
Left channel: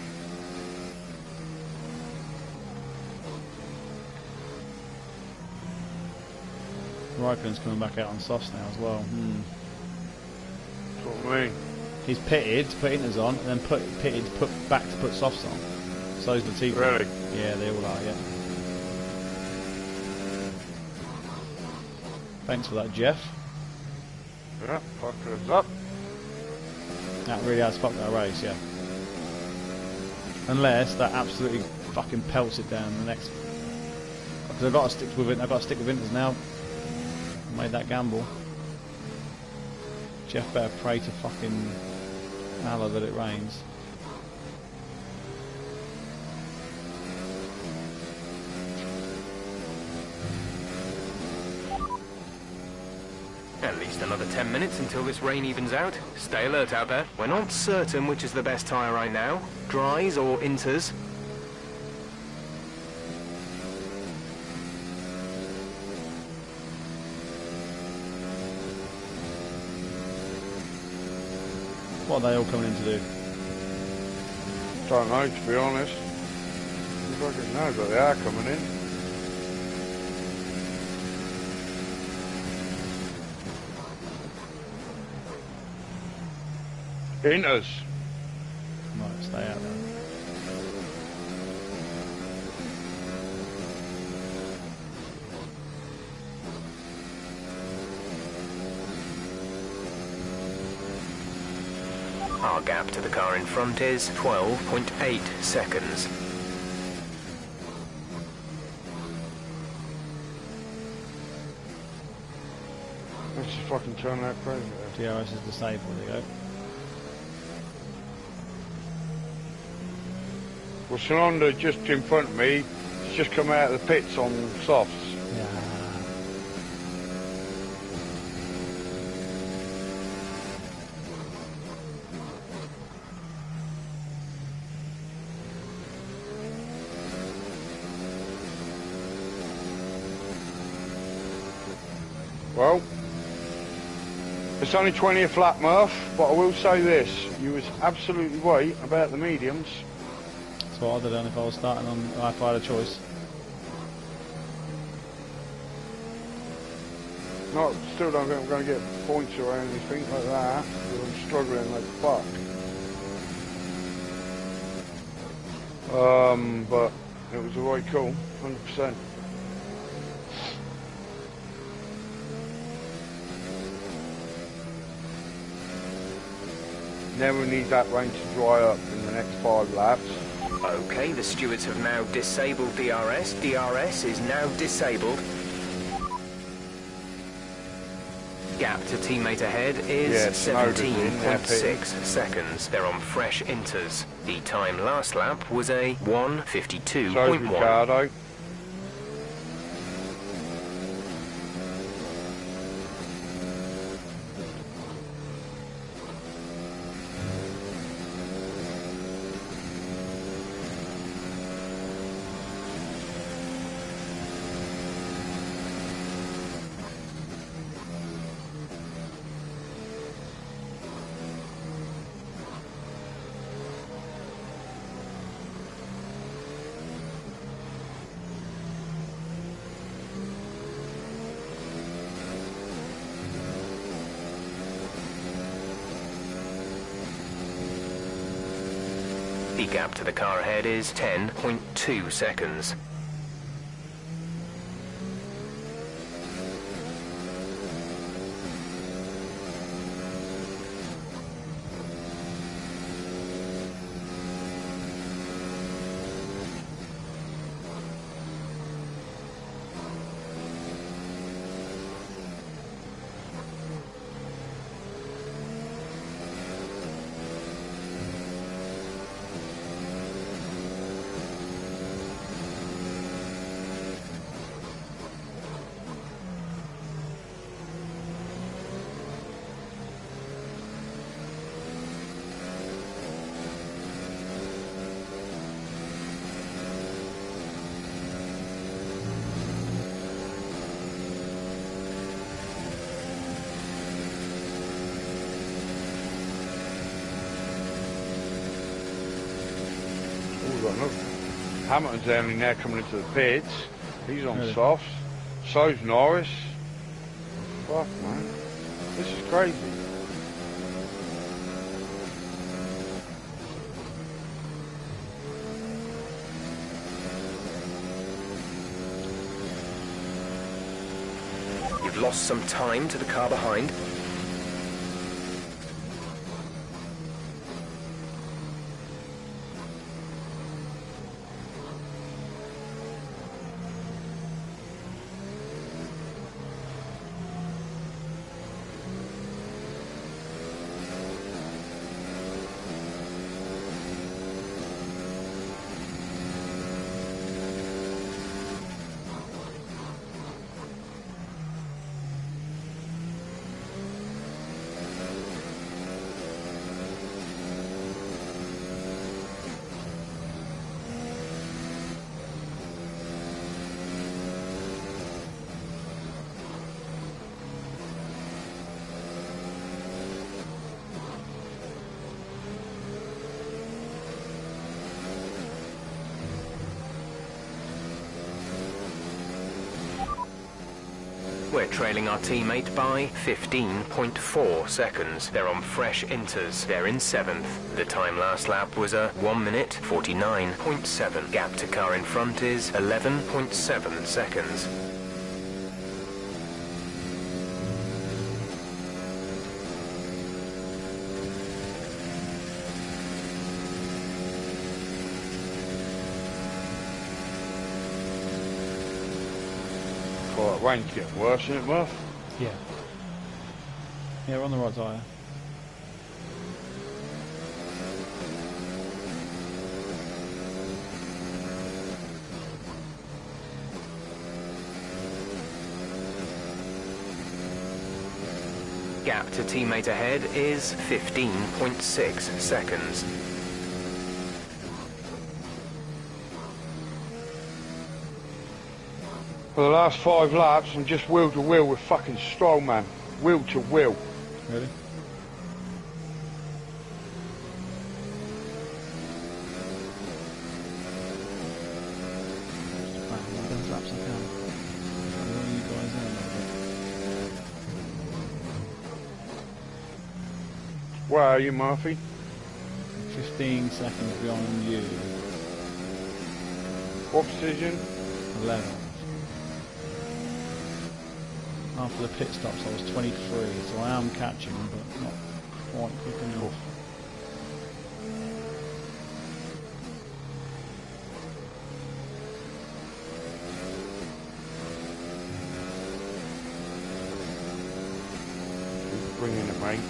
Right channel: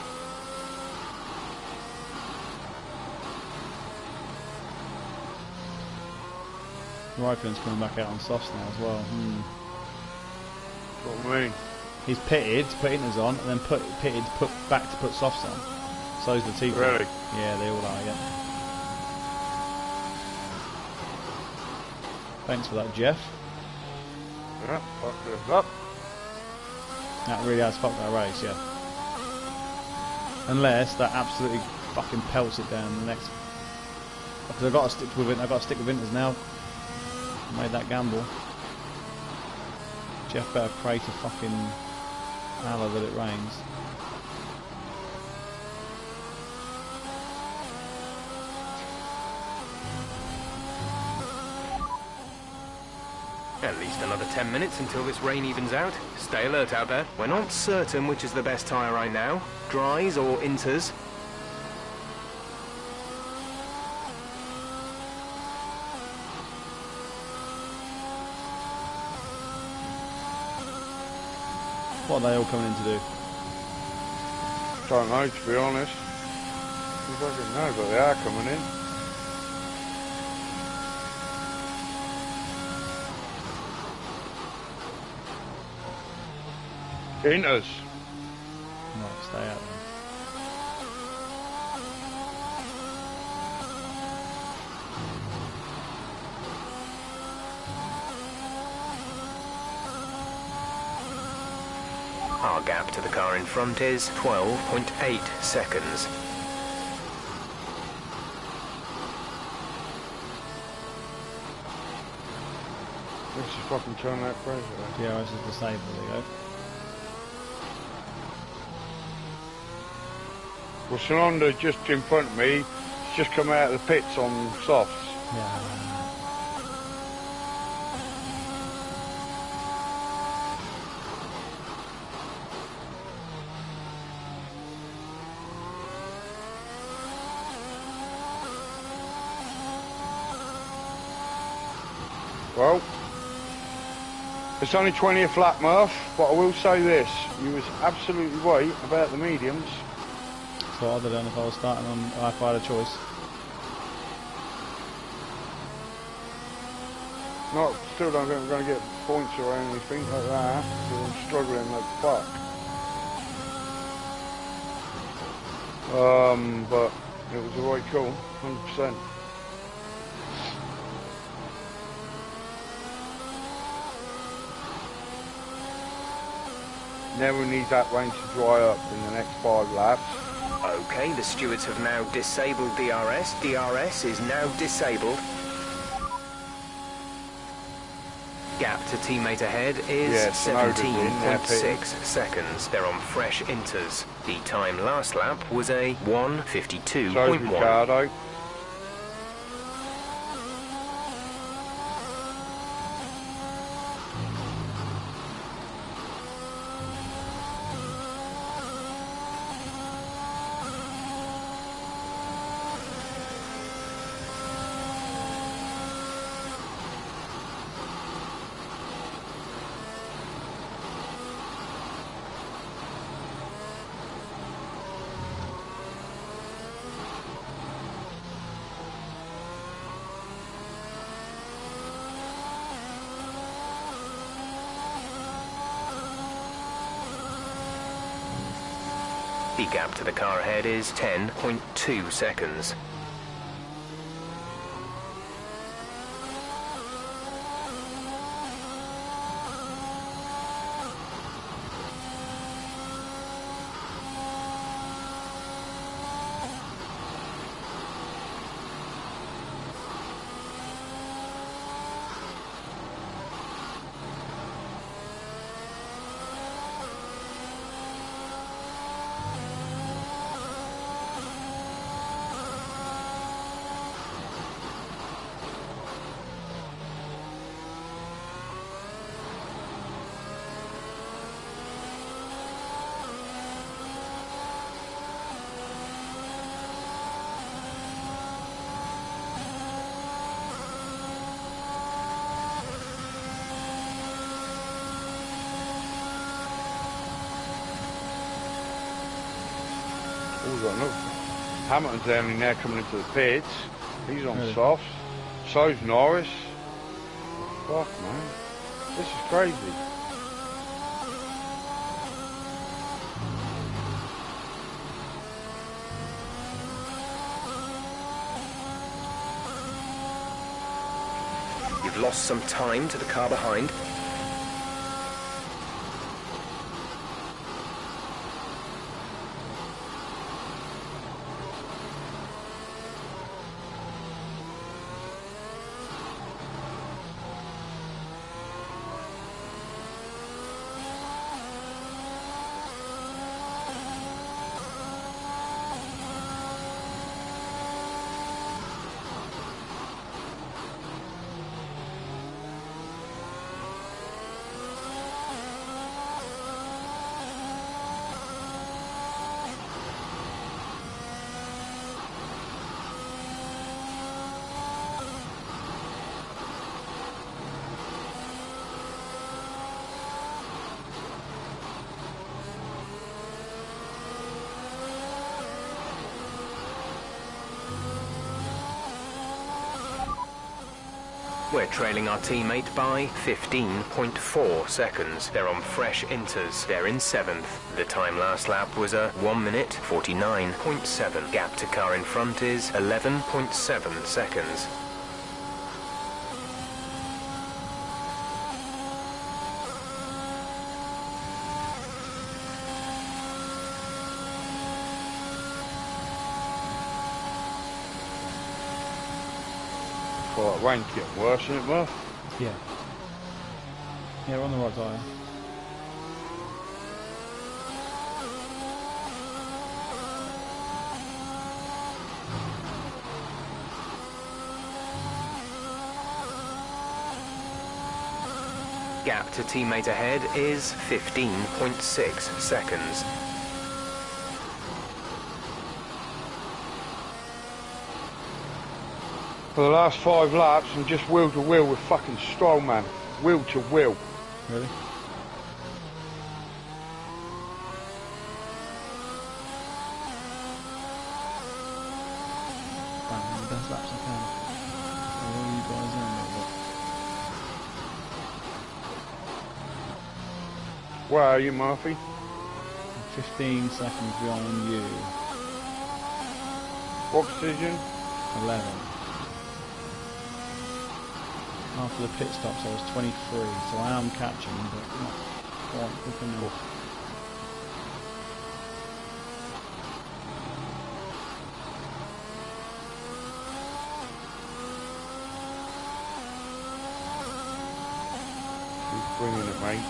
Raikkonen's coming back out on softs now as well. That's what I mean. He's pitted to put inters on, and then pitted to put back to put softs on. So's Latifi. Really? Yeah, they all are. Yep. Thanks for that, Jeff. Yeah, fuck us up. That really has fucked that race, yeah. Unless that absolutely fucking pelts it down the next. Because I've got to stick with it. I've got to stick with inters now. I made that gamble. Jeff better pray to fucking Allah that it rains. At least another 10 minutes until this rain evens out. Stay alert out there. We're not certain which is the best tyre right now. Dries or inters. What are they all coming in to do? Don't know, to be honest. I fucking know, but they are coming in. Inters. Right, stay out then. Our gap to the car in front is 12.8 seconds. Let's just fucking turn that crazy. DRS is disabled, there you go. Well, Sonanda just in front of me, he's just come out of the pits on softs. Yeah. Well, it's only 20th lap, Murph, but I will say this. You was absolutely right about the mediums. That's what I'd have done if I was starting on, if I had a choice. No, still don't think I'm going to get points or anything like that, because I'm struggling like fuck. But it was a right call, 100%. Now we need that rain to dry up in the next 5 laps. Okay, the stewards have now disabled DRS. DRS is now disabled. Gap to teammate ahead is 17.6 seconds. They're on fresh inters. The time last lap was a 1:52.1. So Ricardo. The gap to the car ahead is 10.2 seconds. Hamilton's only now coming into the pits. He's on softs. So's Norris. Fuck, man. This is crazy. You've lost some time to the car behind. We're trailing our teammate by 15.4 seconds. They're on fresh inters. They're in 7th. The time last lap was a 1:49.7. Gap to car in front is 11.7 seconds. Well, that rain's getting worse, isn't it, Murph? Yeah. Yeah, we're on the right tyre. Gap to teammate ahead is 15.6 seconds. For the last 5 laps, I'm just wheel to wheel with fucking Stroll, man. Wheel to wheel. Really? Right, the best laps I can. Follow all you guys in a little bit. Where are you, Murphy? I'm 15 seconds behind you. What position? 11. After the pit stops I was 23, so I am catching, but not quite quick enough. Keep bringing it, mate.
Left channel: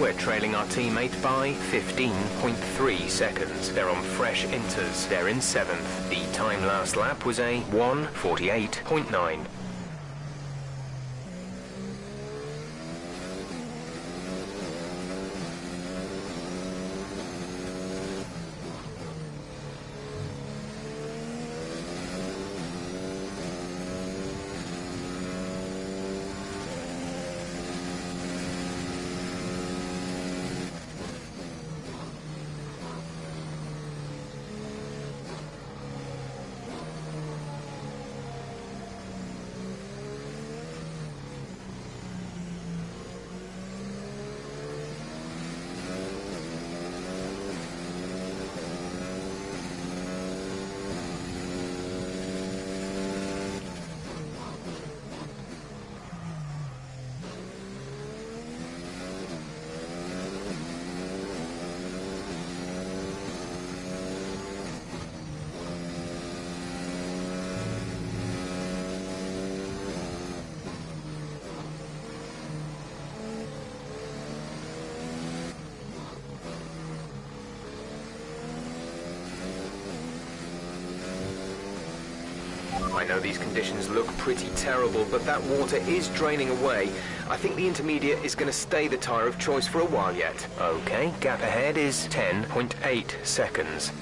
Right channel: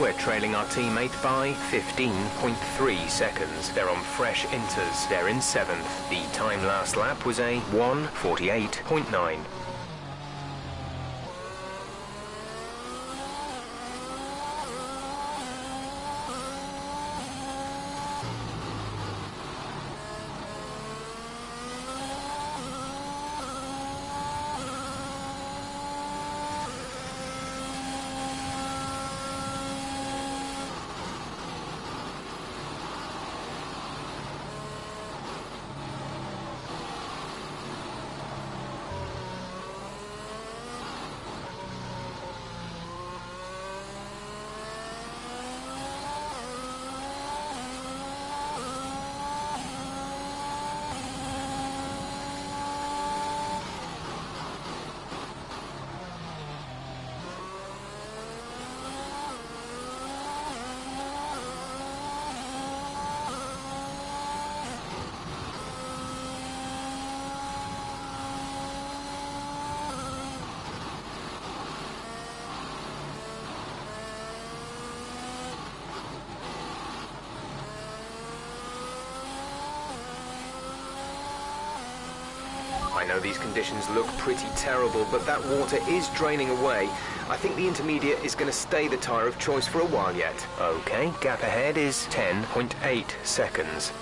We're trailing our teammate by 15.3 seconds. They're on fresh inters. They're in 7th. The time last lap was a 1:48.9. I know these conditions look pretty terrible, but that water is draining away. I think the intermediate is going to stay the tyre of choice for a while yet. Okay, gap ahead is 10.8 seconds.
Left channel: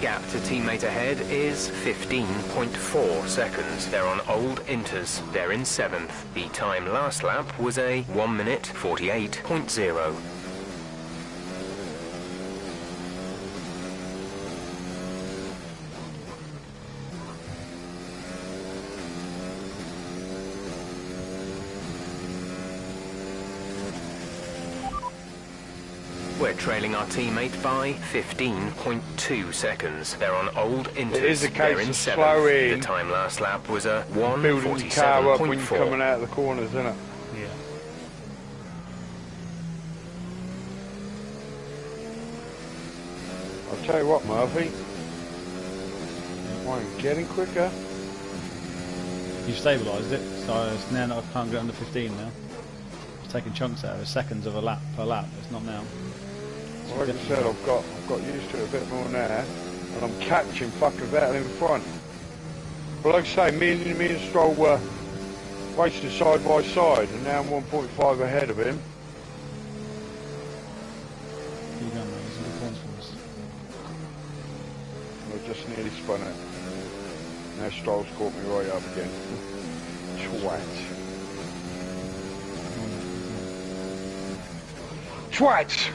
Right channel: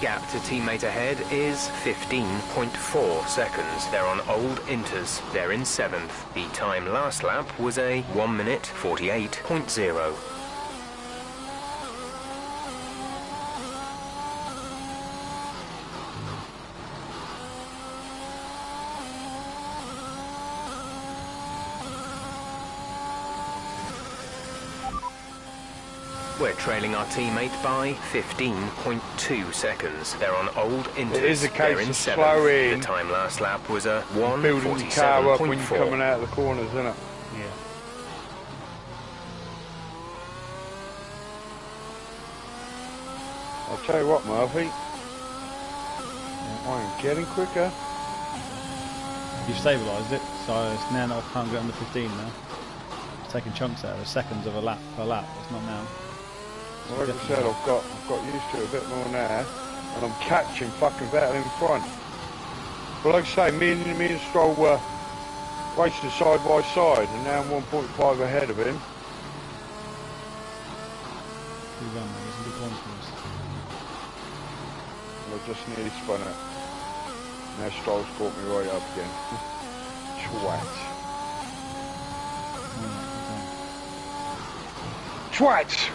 Gap to teammate ahead is 15.4 seconds. They're on old inters. They're in 7th. The time last lap was a 1:48.0. We're trailing our teammate by 15.2 seconds. They're on old inters. It is a case They're in of 7th. slowing. The time last lap was a Building the car up when you're 1:47.4. coming out of the corners, isn't it? Yeah. I'll tell you what, Murphy. I ain't getting quicker. You've stabilised it, so it's now I can't get under 15 now. It's taking chunks out of it, seconds of a lap per lap. It's not now. It's Well, like I definitely said, not. I've got used to it a bit more now, and I'm catching fucking better in front. But like I say, me and Stroll were racing side by side, and now I'm 1.5 ahead of him. Keep going, mate. There's some good points for us. I just nearly spun it. Now Stroll's caught me right up again. Twat. Twat!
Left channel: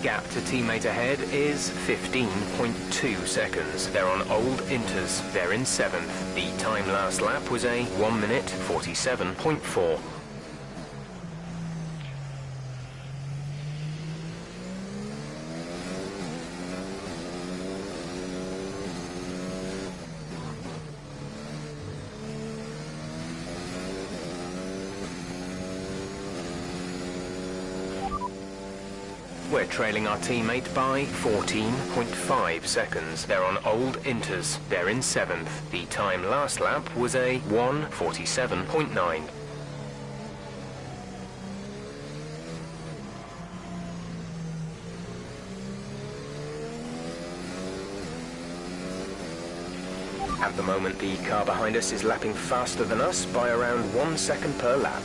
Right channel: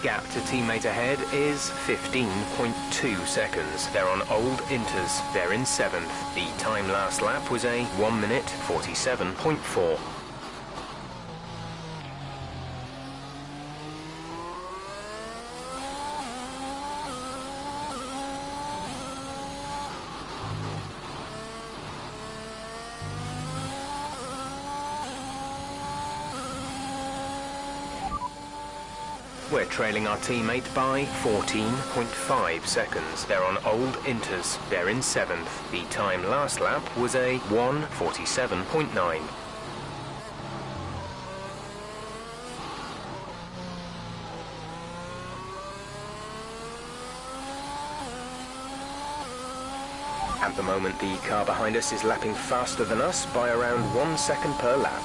Gap to teammate ahead is 15.2 seconds. They're on old inters. They're in 7th. The time last lap was a 1:47.4. We're trailing our teammate by 14.5 seconds. They're on old inters. They're in 7th. The time last lap was a 1:47.9. At the moment, the car behind us is lapping faster than us by around 1 second per lap.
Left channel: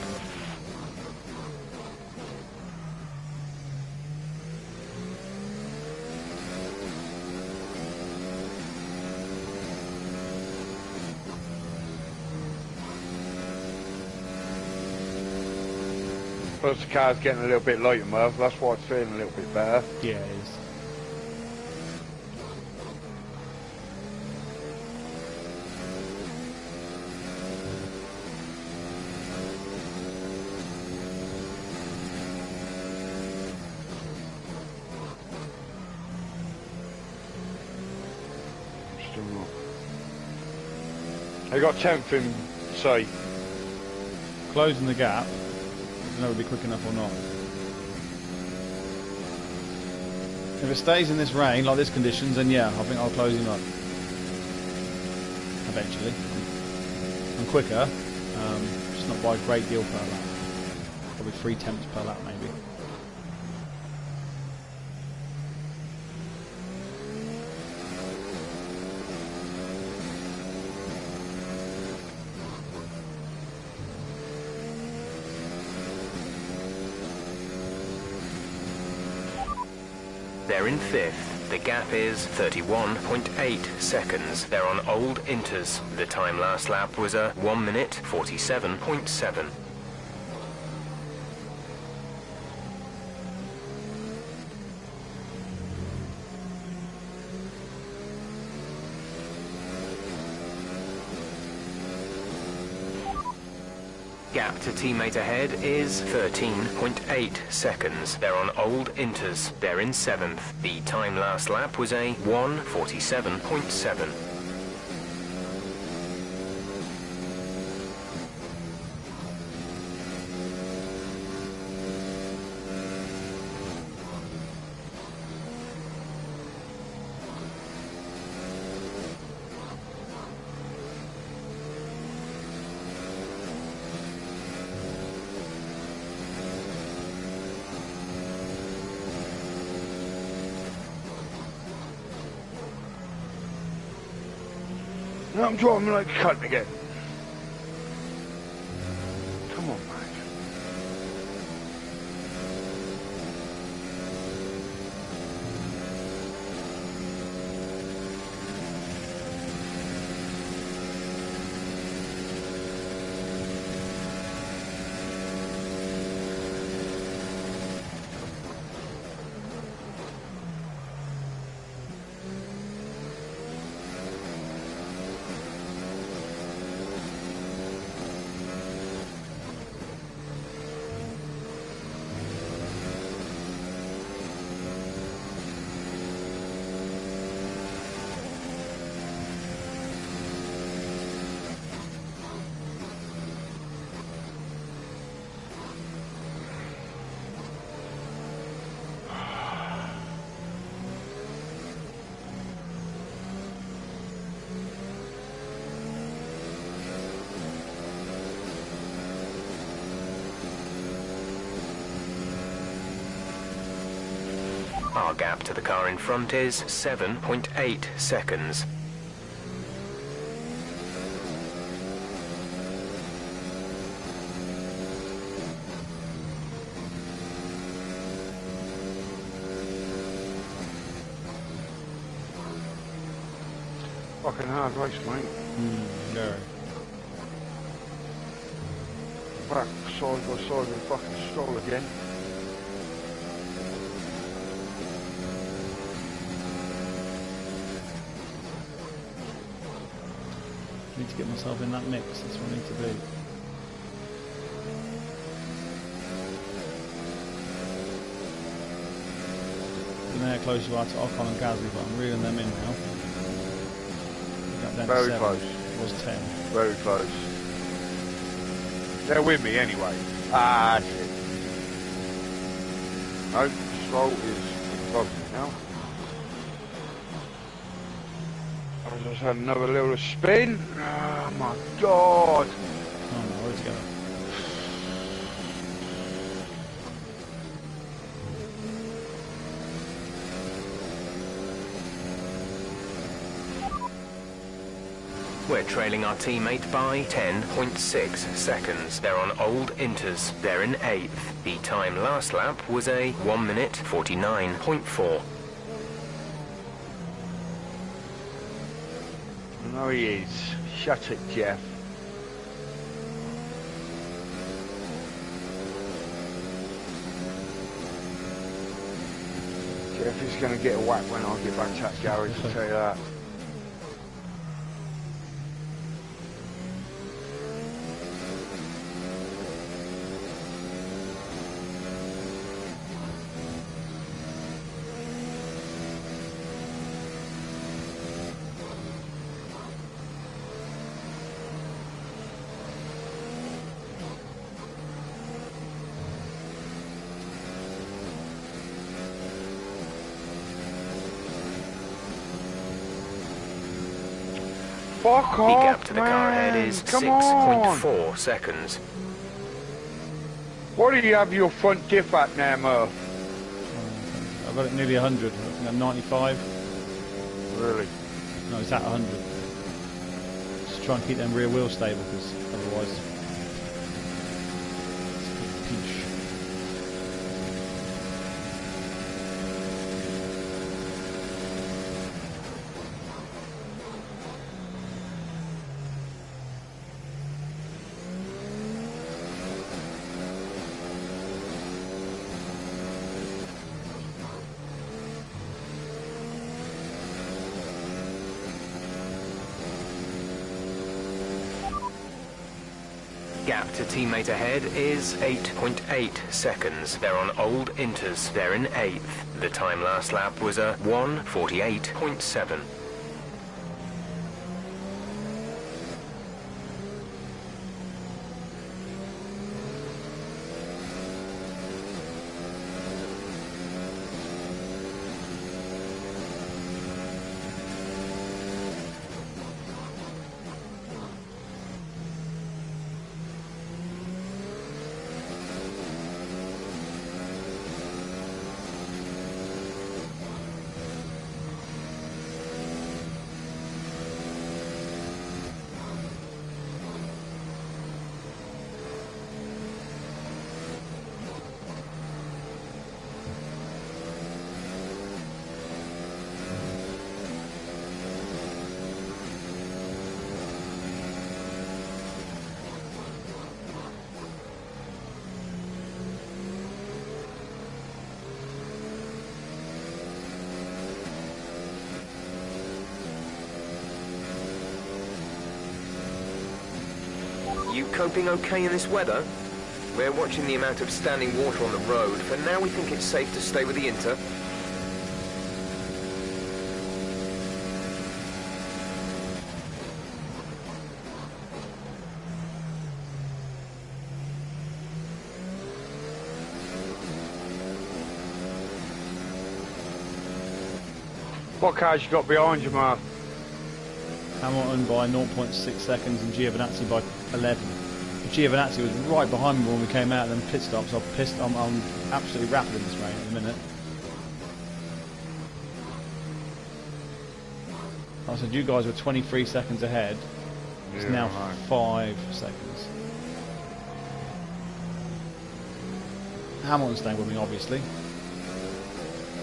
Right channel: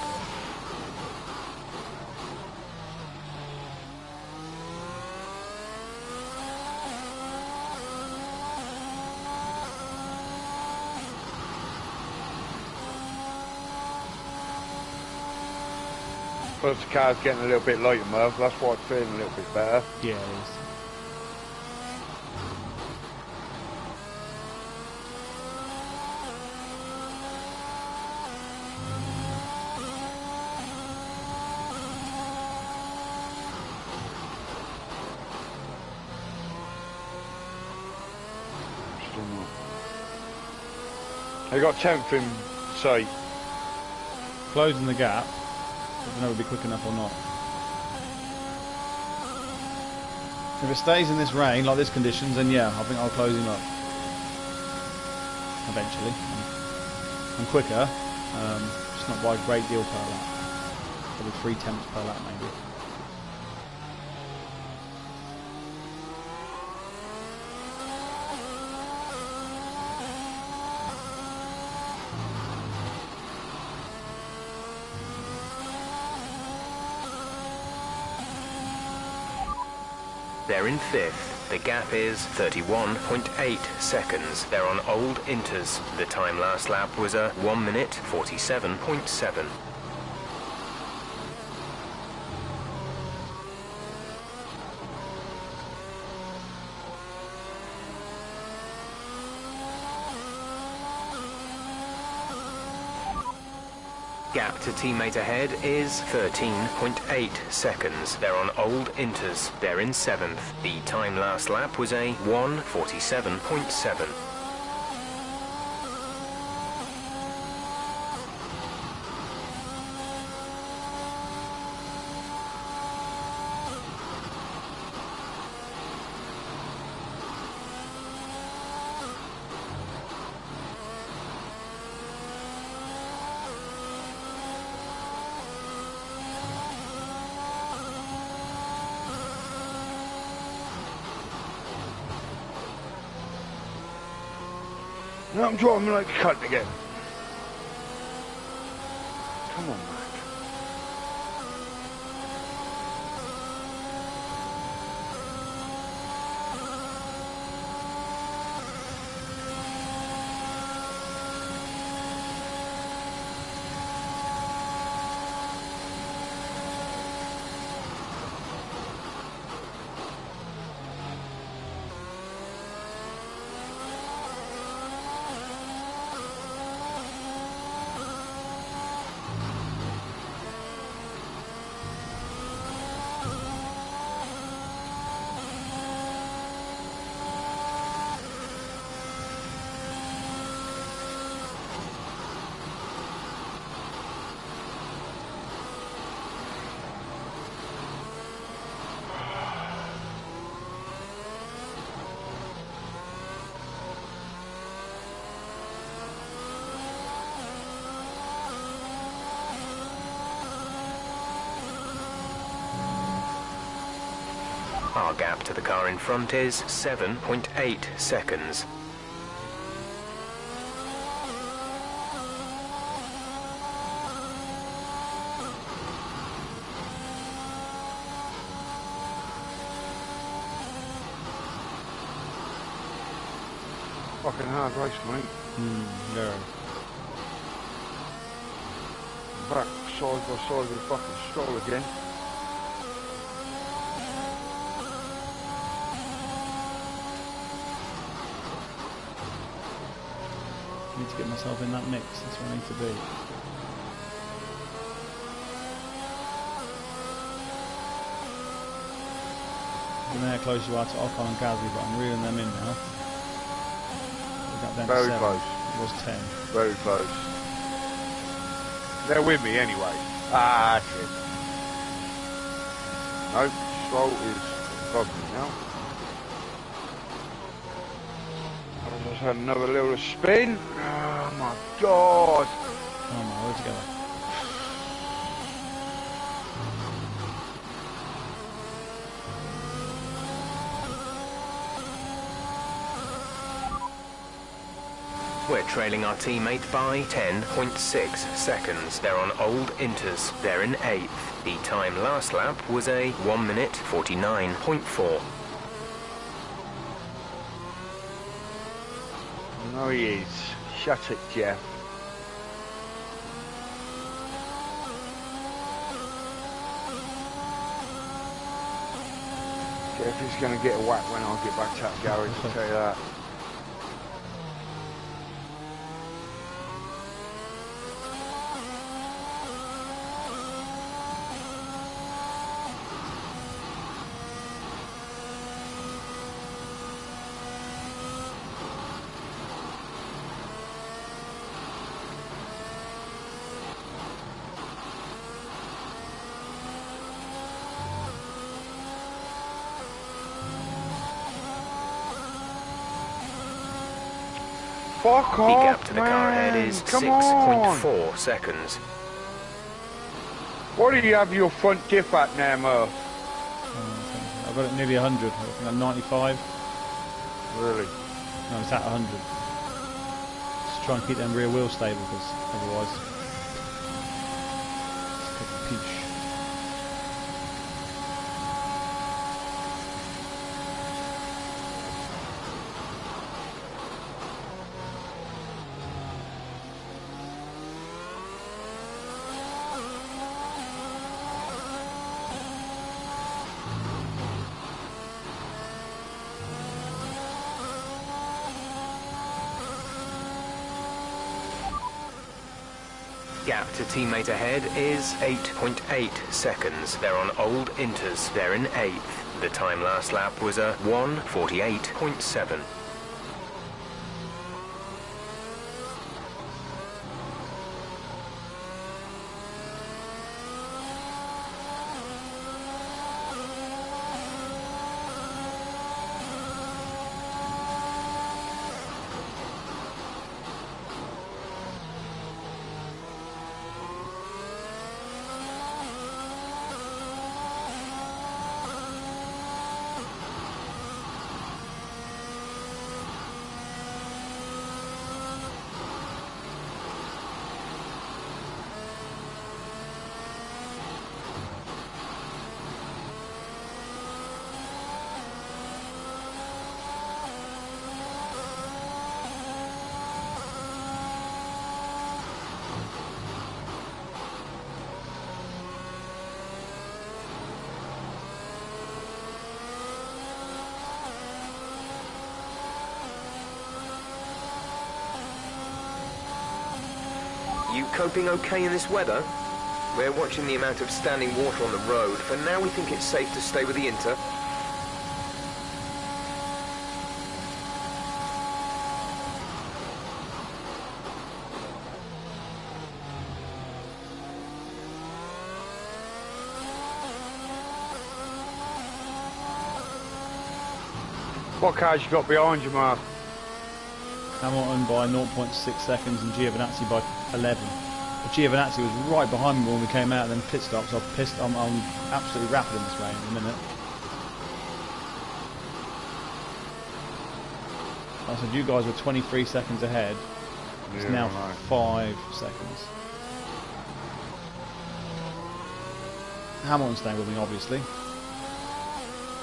Plus the car's getting a little bit lighter, Murph. That's why it's feeling a little bit better. Yeah, it is. Still not. They got 10th in sight. Closing the gap. I don't know if it'll be quick enough or not. If it stays in this rain, like this conditions, then yeah, I think I'll close him up. Eventually. I'm quicker, just not by a great deal per lap. Probably 3/10 per lap maybe. They're in 5th. The gap is 31.8 seconds. They're on old inters. The time last lap was a 1:47.7. Gap to teammate ahead is 13.8 seconds. They're on old inters. They're in 7th. The time last lap was a 1:47.7. Now I'm driving like a cunt again. Come on, Mac. Our gap to the car in front is 7.8 seconds. Fucking hard race, mate. Yeah. Back side by side with a fucking stroll again. I need to get myself in that mix, that's where I need to be. I don't know how close you are to Ocon and Gasly, but I'm reeling them in now. We got down to Very 7. close. It was 10. Very close. They're with me anyway. Ah, shit. No, control is above me now. I just had another little spin. Oh my god! Oh my, where's it going? We're trailing our teammate by 10.6 seconds. They're on old inters. They're in 8th. The time last lap was a 1 minute 49.4. No, he is. Shut it, Jeff. Jeff is going to get a whack when I get back to that garage, I'll tell you that. Fuck The off, gap to the car ahead man. is Come on. 6.4 seconds. What do you have your front diff at now, Murph? I've got it nearly 100. I think I'm 95. Really? No, it's at 100. Just try and keep them rear wheels stable, because otherwise it's peach. Gap to teammate ahead is 8.8 seconds. They're on old inters. They're in 8th. The time last lap was a 1:48.7. You coping okay in this weather? We're watching the amount of standing water on the road. For now, we think it's safe to stay with the Inter. What cars you got behind you, Mark? Hamilton by 0.6 seconds and Giovinazzi by 11. But Giovinazzi was right behind me when we came out and then pit stops. So I'm absolutely rapid in this rain in a minute. I said you guys were 23 seconds ahead. It's now 5 seconds. Hamilton's staying with me, obviously,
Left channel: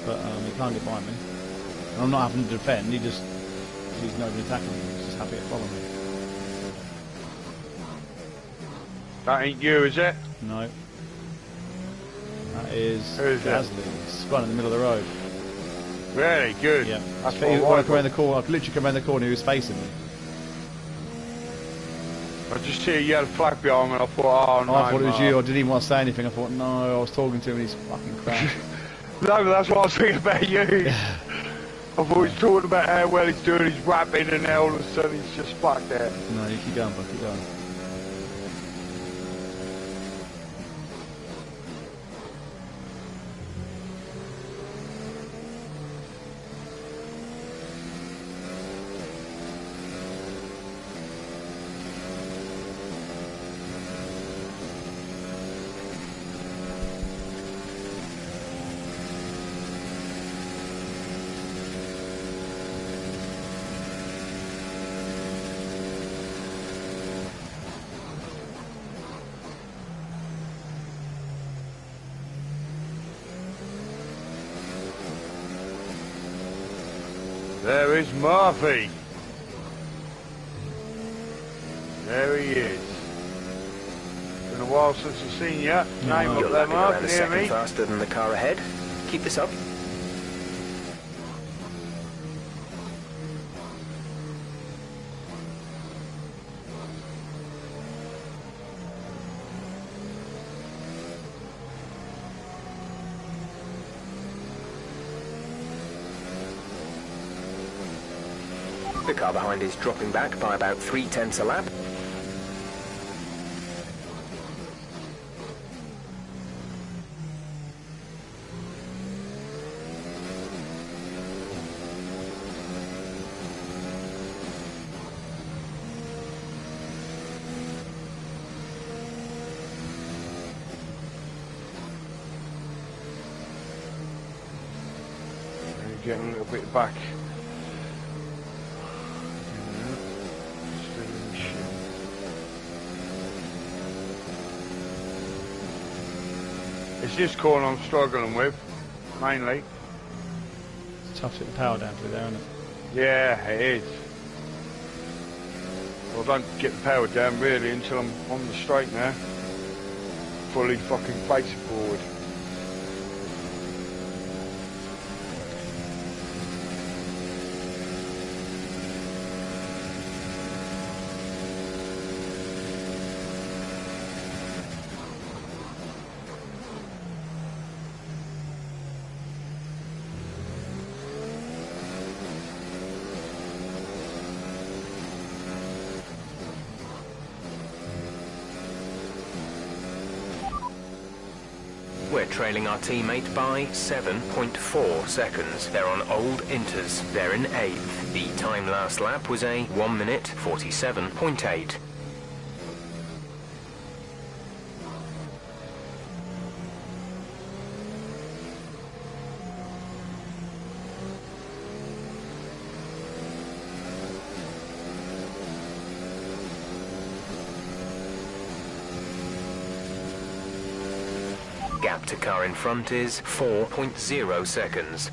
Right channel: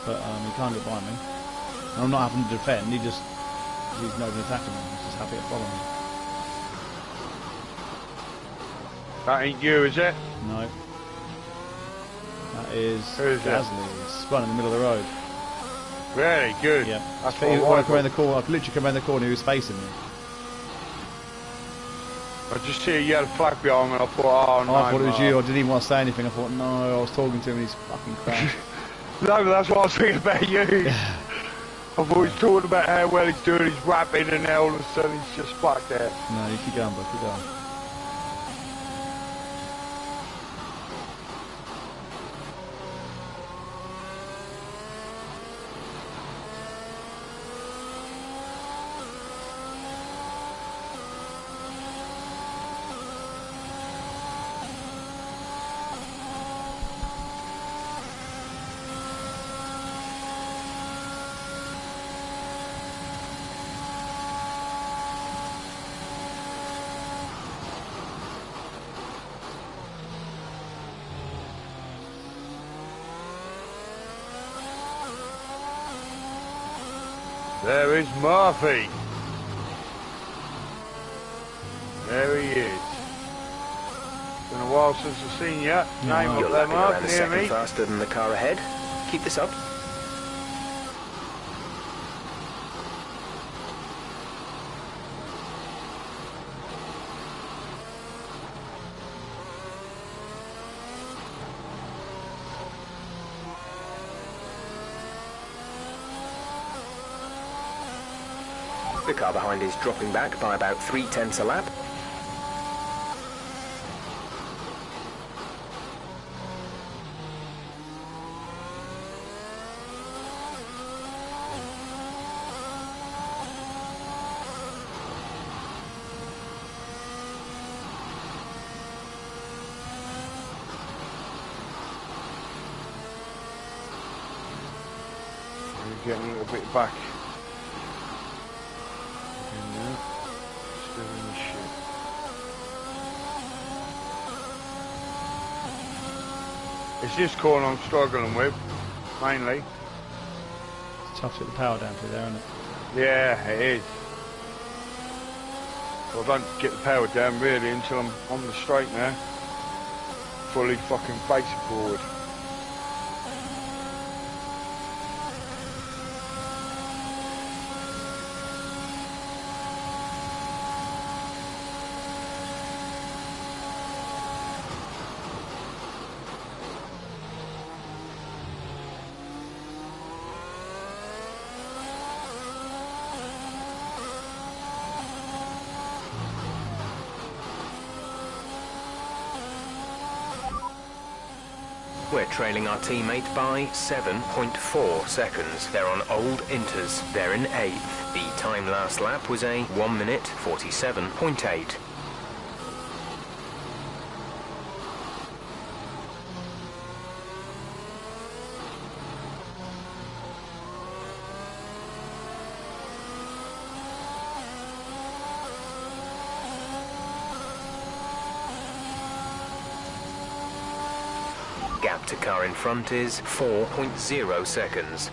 but he can't get by me. And I'm not having to defend. He's nobody attacking me. He's just happy to follow me. That ain't you, is it? No. That is Who's that? Gasly. He's spun in the middle of the road. Really good. Yeah. That's When I what come around the corner, I could literally come around the corner. He was facing me. I just see a yellow flag behind me and I thought, oh no. I thought it was you. I didn't even want to say anything. I thought, no, I was talking to him and he's fucking crap. No, but that's what I was thinking about you. I thought he's talking about how well he's doing, he's rapping, and now all of a sudden he's just back there. No, you keep going, bud, keep going. There is Murphy. There he is. Been a while since I've seen you. Name You're up there, lapping Mark. around a Can you hear second me? faster than the car ahead. Keep this up. The car behind is dropping back by about 0.3 a lap. We're getting a little bit back. Still in the shit. It's this corner I'm struggling with, mainly. It's tough to get the power down through there, isn't it? Yeah, it is. Well, I don't get the power down really until I'm on the straight now. Fully fucking facing forward. We're trailing our teammate by 7.4 seconds. They're on old Inters. They're in 8th. The time last lap was a 1 minute 47.8. Gap to car in front is 4.0 seconds.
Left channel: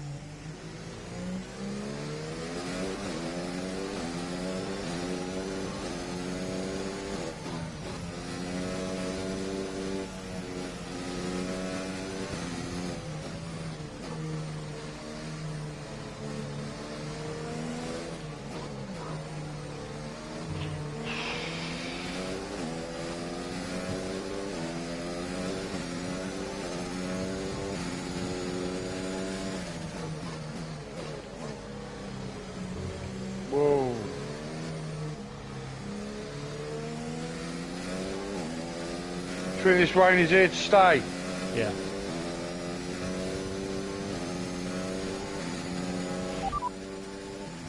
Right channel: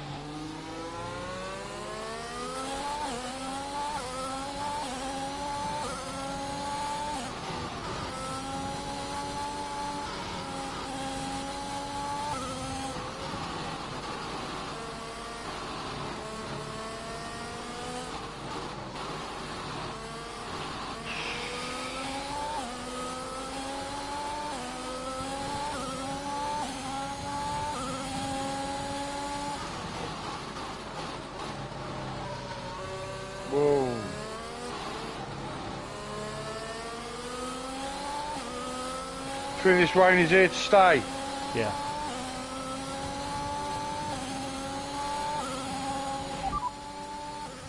Whoa. Think this rain is here to stay. Yeah.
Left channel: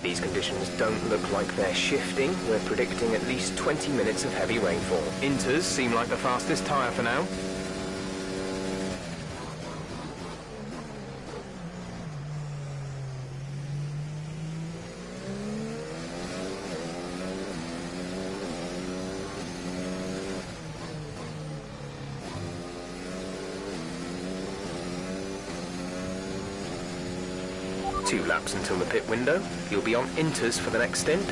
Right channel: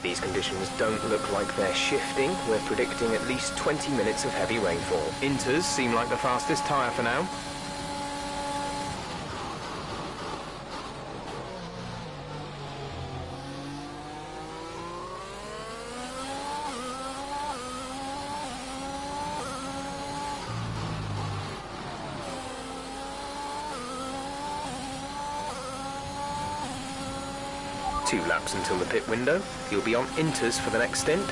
These conditions don't look like they're shifting. We're predicting at least 20 minutes of heavy rainfall. Inters seem like the fastest tyre for now. Two laps until the pit window. You'll be on Inters for the next stint.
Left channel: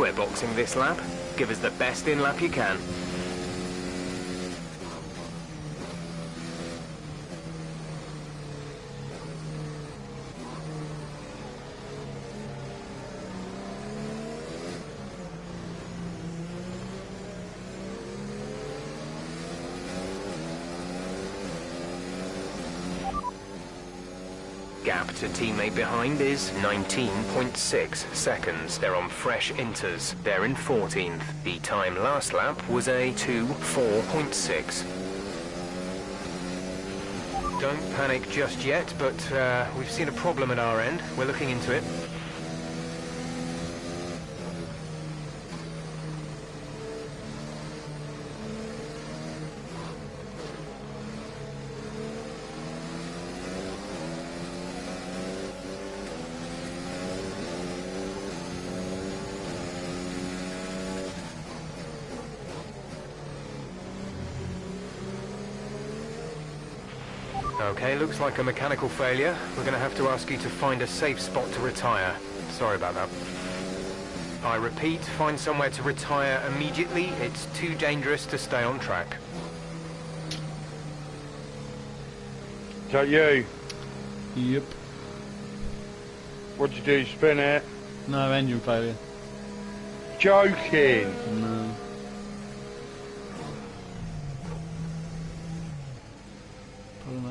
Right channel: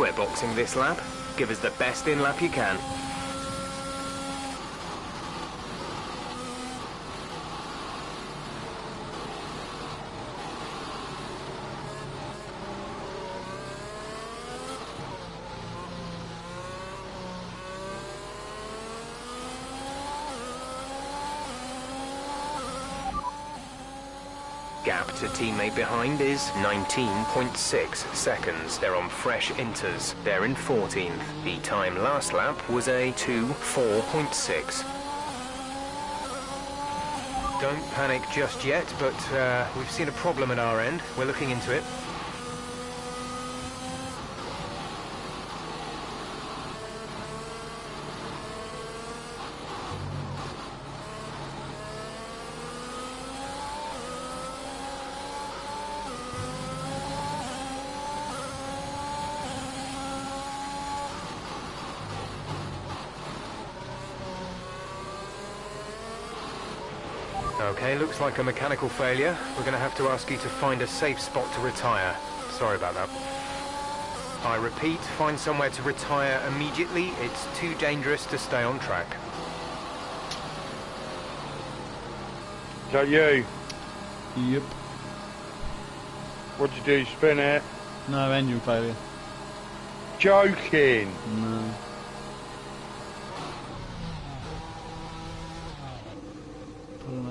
We're boxing this lap. Give us the best in-lap you can. Gap to teammate behind is 19.6 seconds. They're on fresh inters. They're in 14th. The time last lap was a 2:4.6. Don't panic just yet, but we've seen a problem at our end. We're looking into it. Okay, looks like a mechanical failure. We're going to have to ask you to find a safe spot to retire. Sorry about that. I repeat, find somewhere to retire immediately. It's too dangerous to stay on track. Is that you? Yep. What'd you do, spin it? No, engine failure. Joking! No.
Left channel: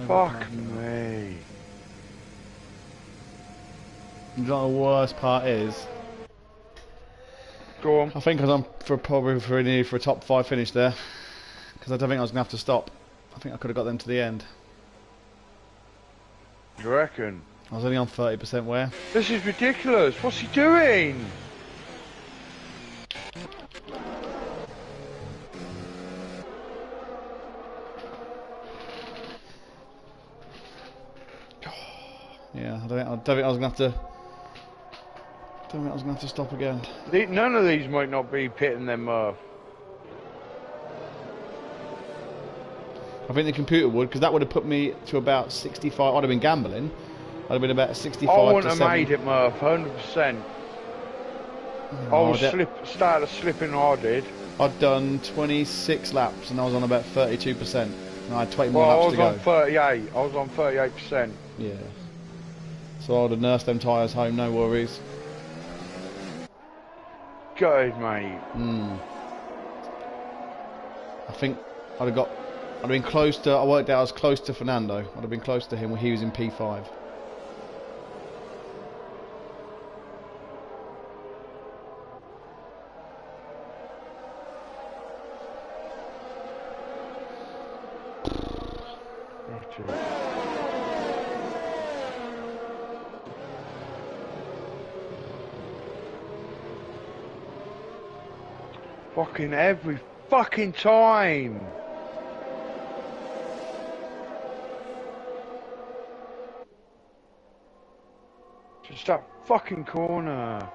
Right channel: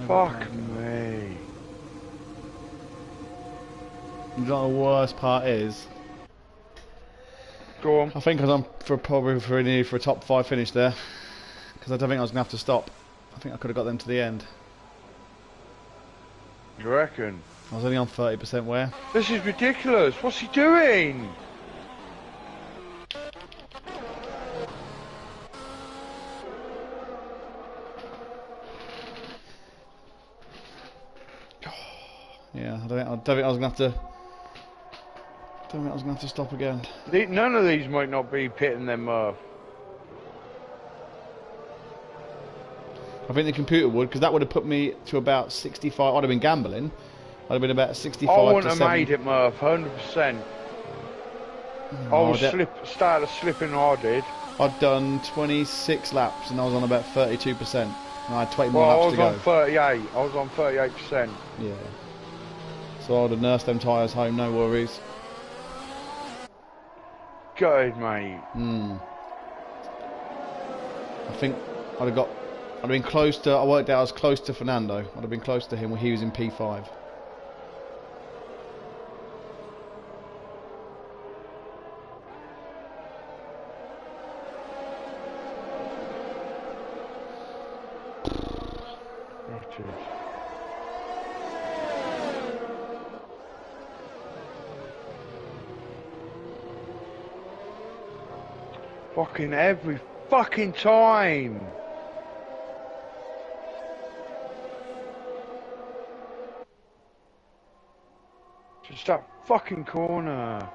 Fuck me. You know what the worst part is? Go on. I think I'm probably for a top 5 finish there. Because I don't think I was going to have to stop. I think I could have got them to the end. You reckon? I was only on 30% wear. This is ridiculous. What's he doing? Yeah, I don't think I was going to have to... Don't think I was going to have to stop again. None of these might not be pitting them Murph. I think the computer would, because that would have put me to about 65. I'd have been gambling. I'd have been about 65 I wouldn't to have 70. made it, Murph, 100%. Started slipping, I did. I'd done 26 laps and I was on about 32%. And I had 20 more Well, I laps was to on go. 38. I was on 38%. Yeah. So I'd have nursed them tyres home, no worries. Good, mate. I think I'd have been close to, I worked out I was close to Fernando. I'd have been close to him when he was in P5. Fucking every fucking time. Just that fucking corner.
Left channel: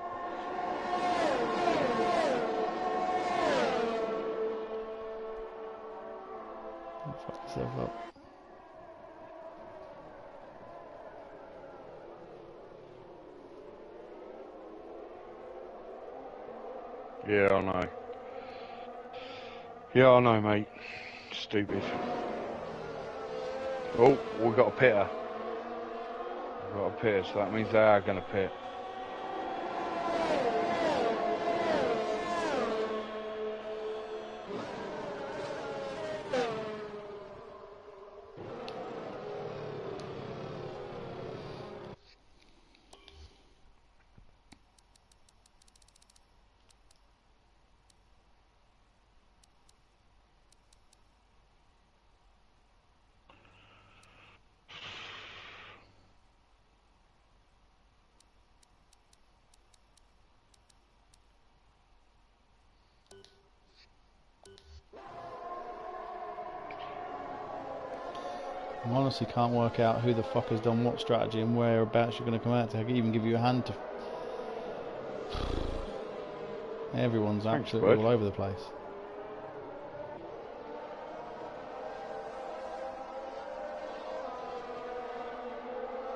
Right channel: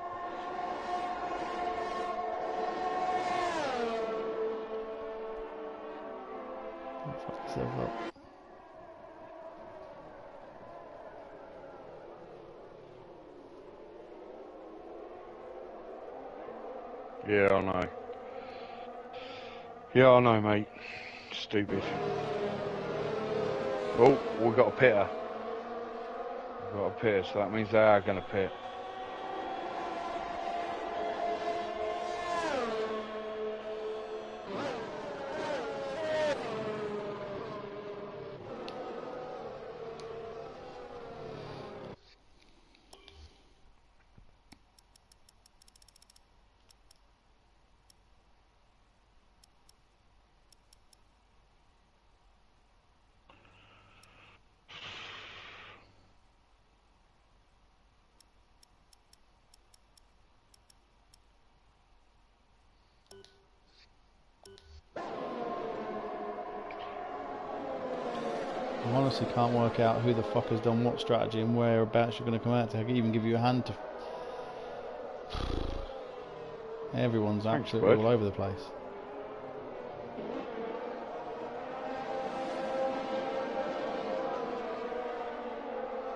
Fuck yourself up. Yeah, I know. Yeah, I know, mate. Stupid. Oh, we've got a pitter. We've got a pitter, so that means they are going to pit. I honestly can't work out who the fuck has done what strategy and whereabouts you're going to come out to. I can even give you a hand to... Everyone's absolutely all over the place.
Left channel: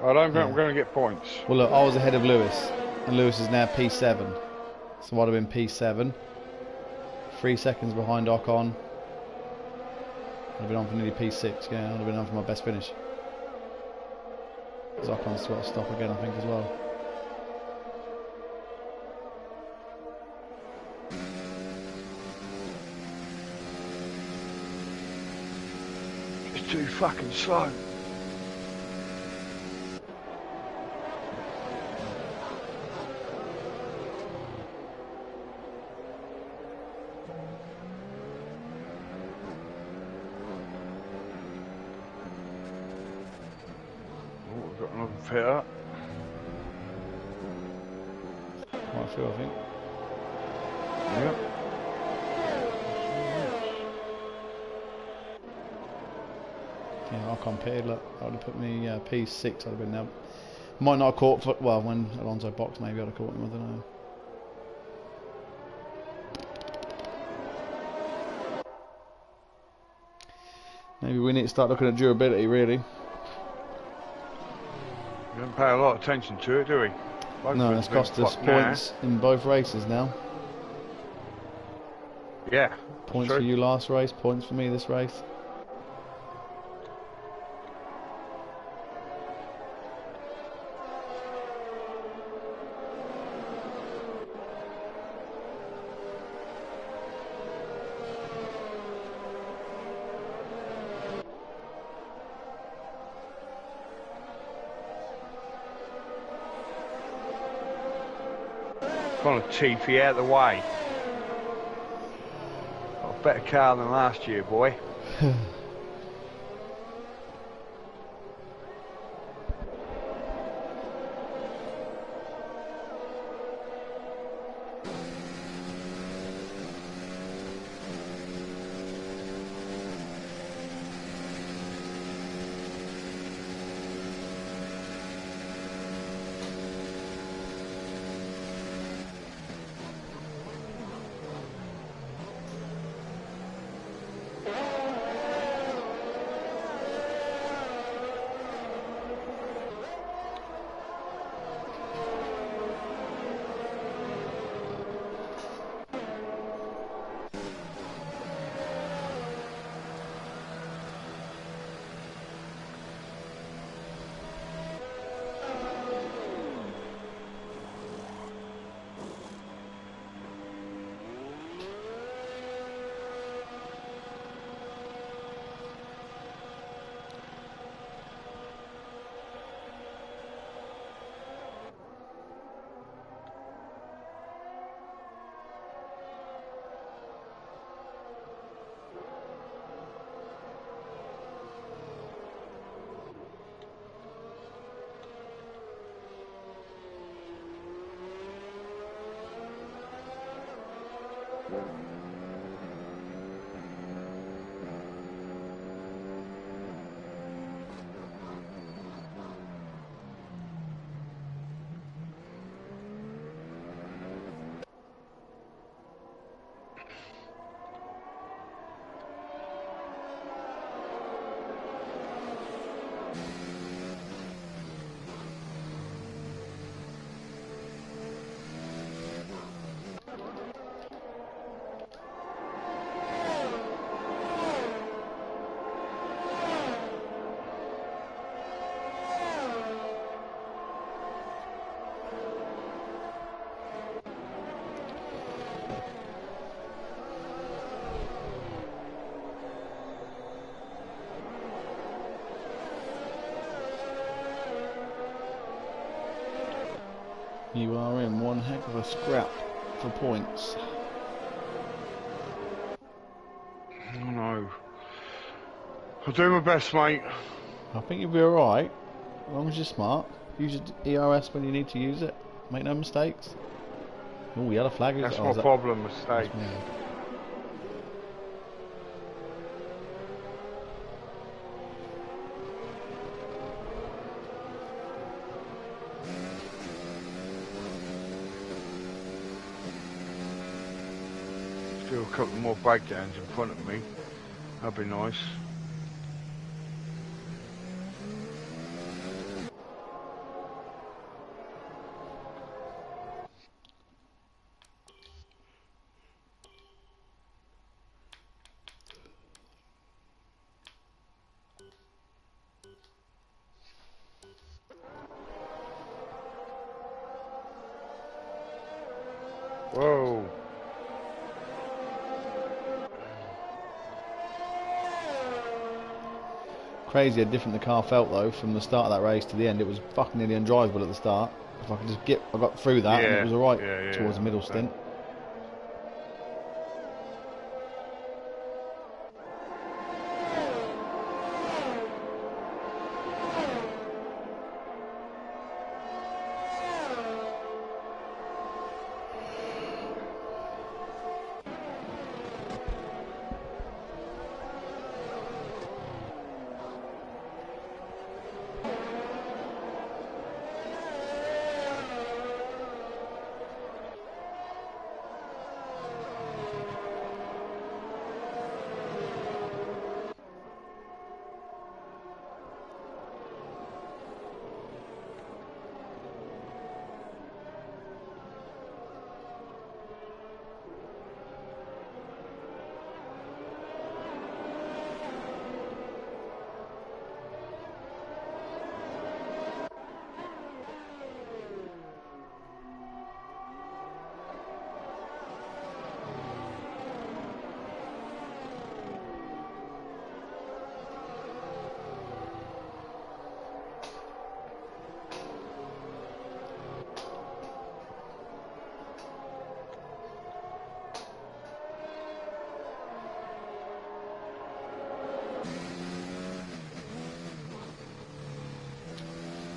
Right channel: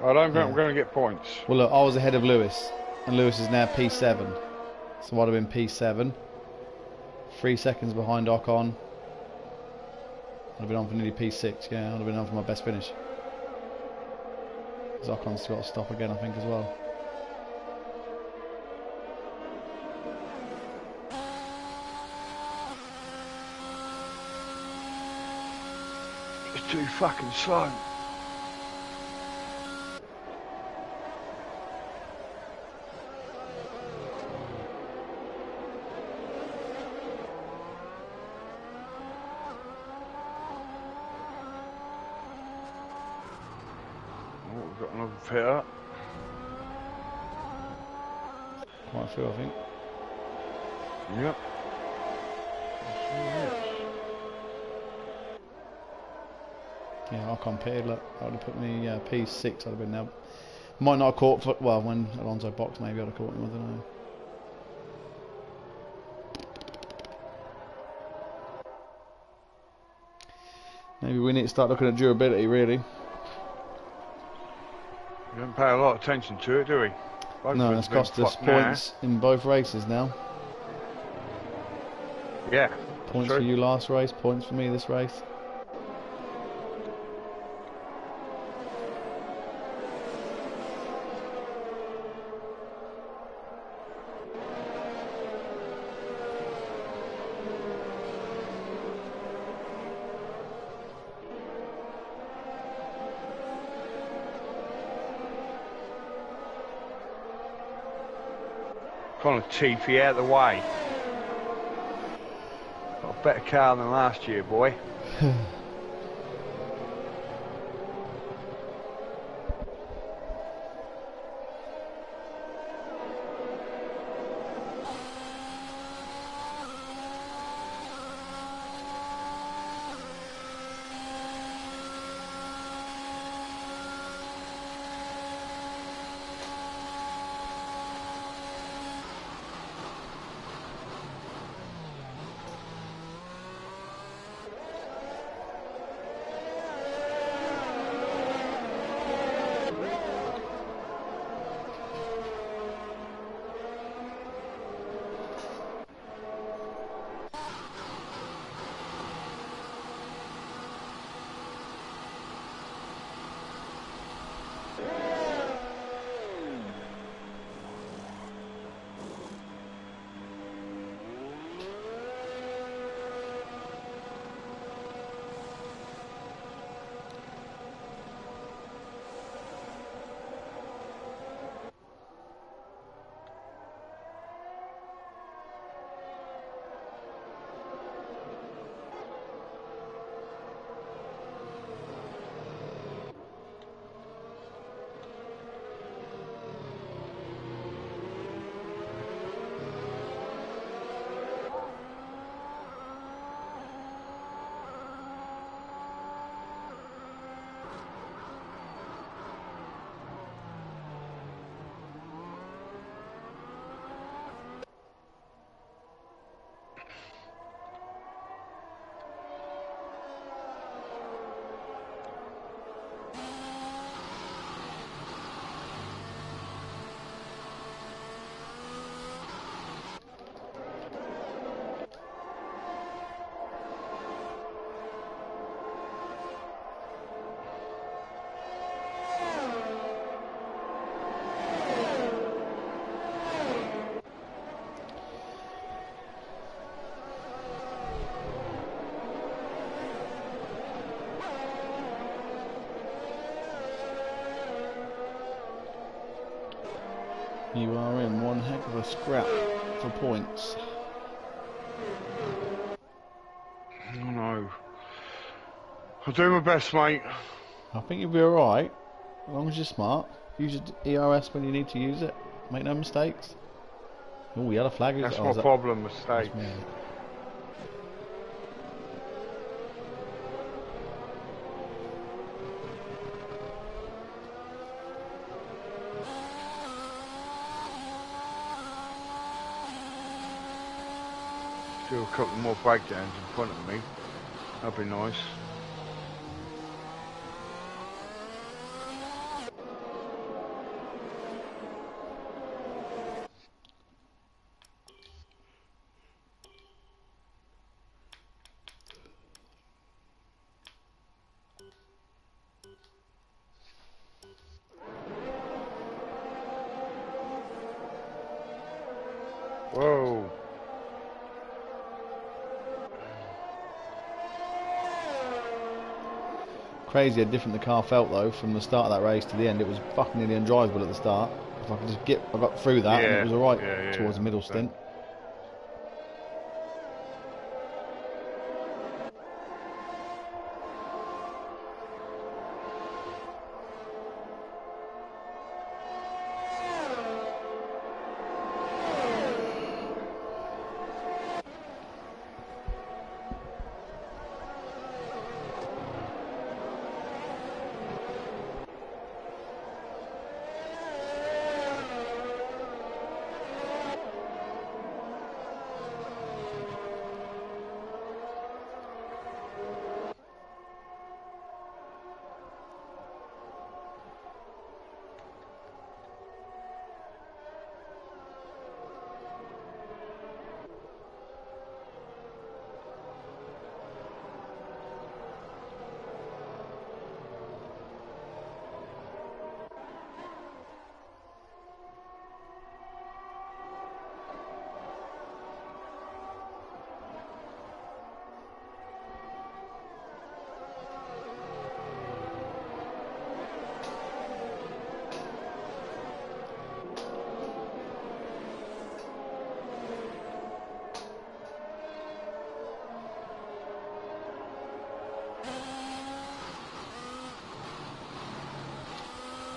I don't think I'm going to get points. Well look, I was ahead of Lewis, and Lewis is now P7. So I'd have been P7. 3 seconds behind Ocon. I'd have been on for nearly P6, yeah, I'd have been on for my best finish. Because Ocon's got to stop again, I think, as well. It's too fucking slow. We've got another fitter. Quite a few, I think. Yep. Yeah, Ocon pitted, look, that would have put me P6, I'd have been now. Might not have caught, well, when Alonso boxed, maybe I'd have caught him, I don't know. Maybe we need to start looking at durability, really. We don't pay a lot of attention to it, do we? Both No, of us it's have been cost us fucked now. points in both races now. Yeah. Points true. for you last race, points for me this race. Kind of teethy out of the way. Got a better car than last year, boy. You are in one heck of a scrap for points. Oh no. I'll do my best, mate. I think you'll be alright, as long as you're smart. Use your ERS when you need to use it. Make no mistakes. Oh, yellow flag is... That's oh, my is that- problem, mistake. that's me. Do a couple more breakdowns in front of me. That'd be nice. Whoa. Crazy how different the car felt though from the start of that race to the end. It was fucking nearly undrivable at the start. If I could just get, I got through that and it was alright towards the middle stint.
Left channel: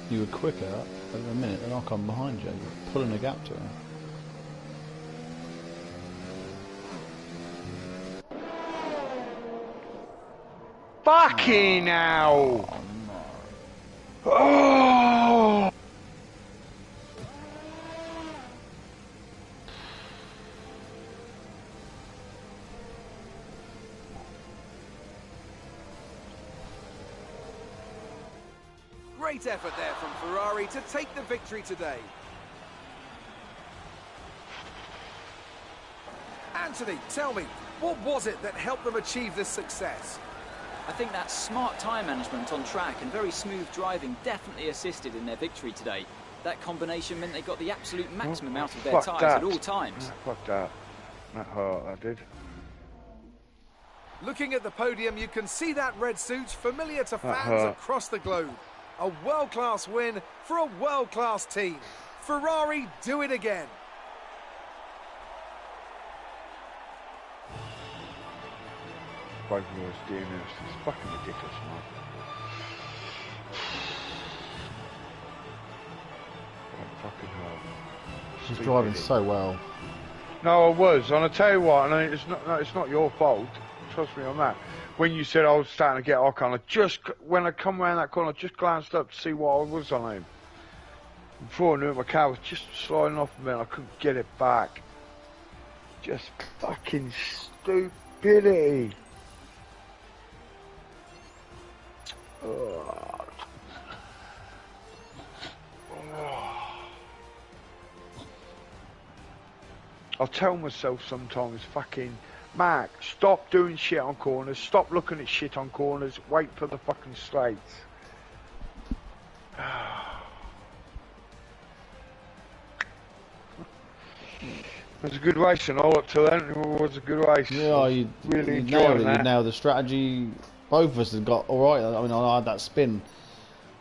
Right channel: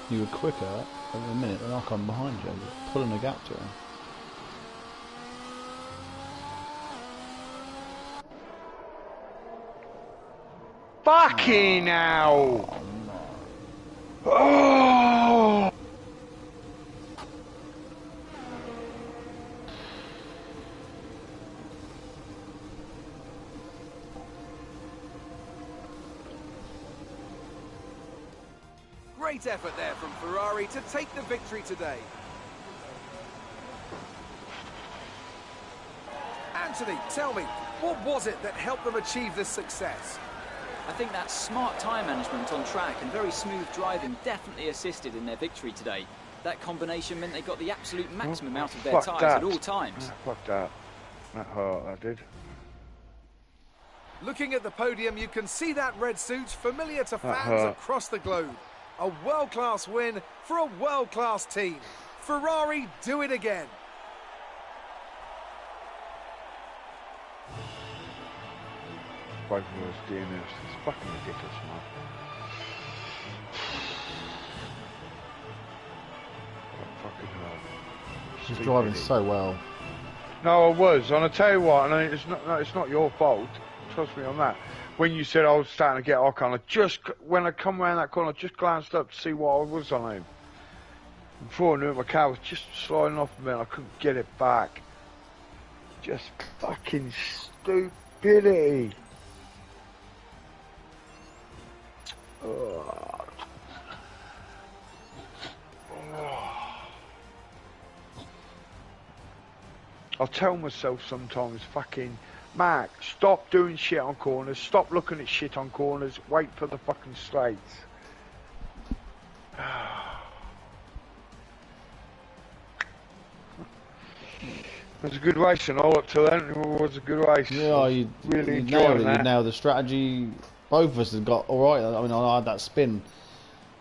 You were quicker over a minute than I come behind you. You're pulling a gap to him. Fucking hell! Oh! Great effort there from Ferrari to take the victory today. Anthony, tell me, what was it that helped them achieve this success? I think that smart tyre management on track and very smooth driving definitely assisted in their victory today. That combination meant they got the absolute maximum out of their tyres at all times. Fuck that. That hurt, that did. Looking at the podium, you can see that red suit familiar to fans across the globe. A world-class win for a world-class team. Ferrari do it again. Both of us doing this. It's fucking ridiculous, man. Fucking hell. She's driving so well. No, I was. And I tell you what, and it's not your fault. Trust me on that. When you said I was starting to get Ocon, when I come around that corner, I just glanced up to see what I was on him. Before I knew it, my car was just sliding off of me and I couldn't get it back. Just fucking stupidity. I'll tell myself sometimes, fucking, Mark, stop doing shit on corners, stop looking at shit on corners, wait for the fucking straights. It was a good race and all up to then, it was a good race. Yeah, you really nailed enjoyed it. that. You nailed the strategy. Both of us have got alright. I mean, I had that spin.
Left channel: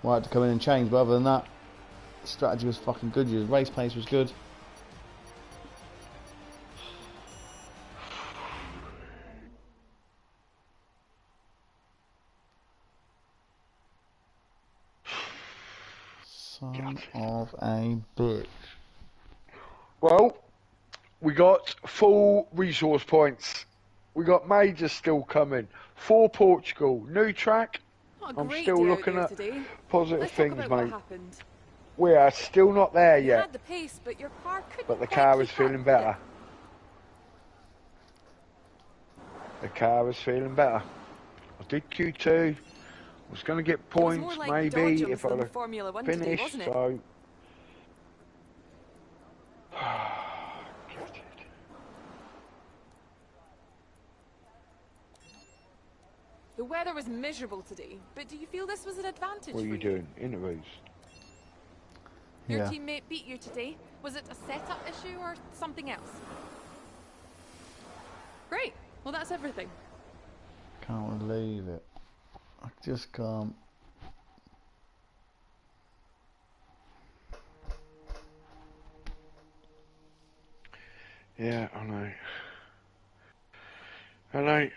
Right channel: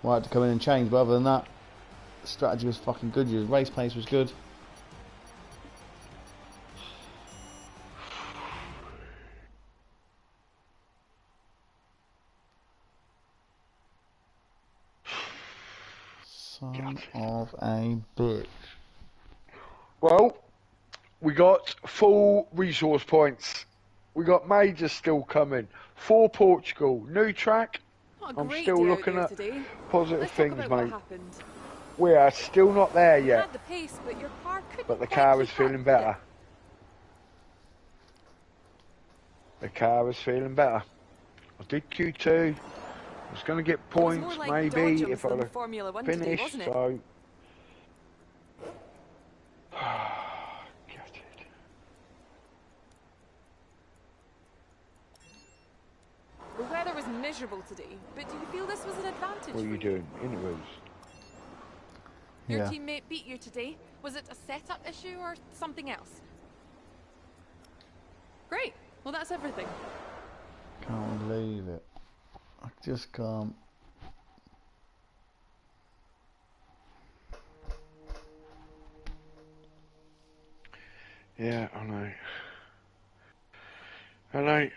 I had to come in and change, but other than that, the strategy was fucking good. Your race pace was good. Son of a bitch. Well, we got full resource points. We got majors still coming. For Portugal, new track. I'm still looking at positive things, mate. We are still not there yet. Had the pace, but your car couldn't But the quite car is keep feeling up. better. The car is feeling better. I did Q2. I was going to get points, more like maybe, dodgems if I than would Formula One have today, finished, wasn't it? so... Get it. The weather was miserable today, but do you feel this was an advantage What are for you doing? Interviews? Your Yeah. teammate beat you today. Was it a setup issue or something else? Great. Well, that's everything. Can't believe it. I just can't. Yeah, I know. I know.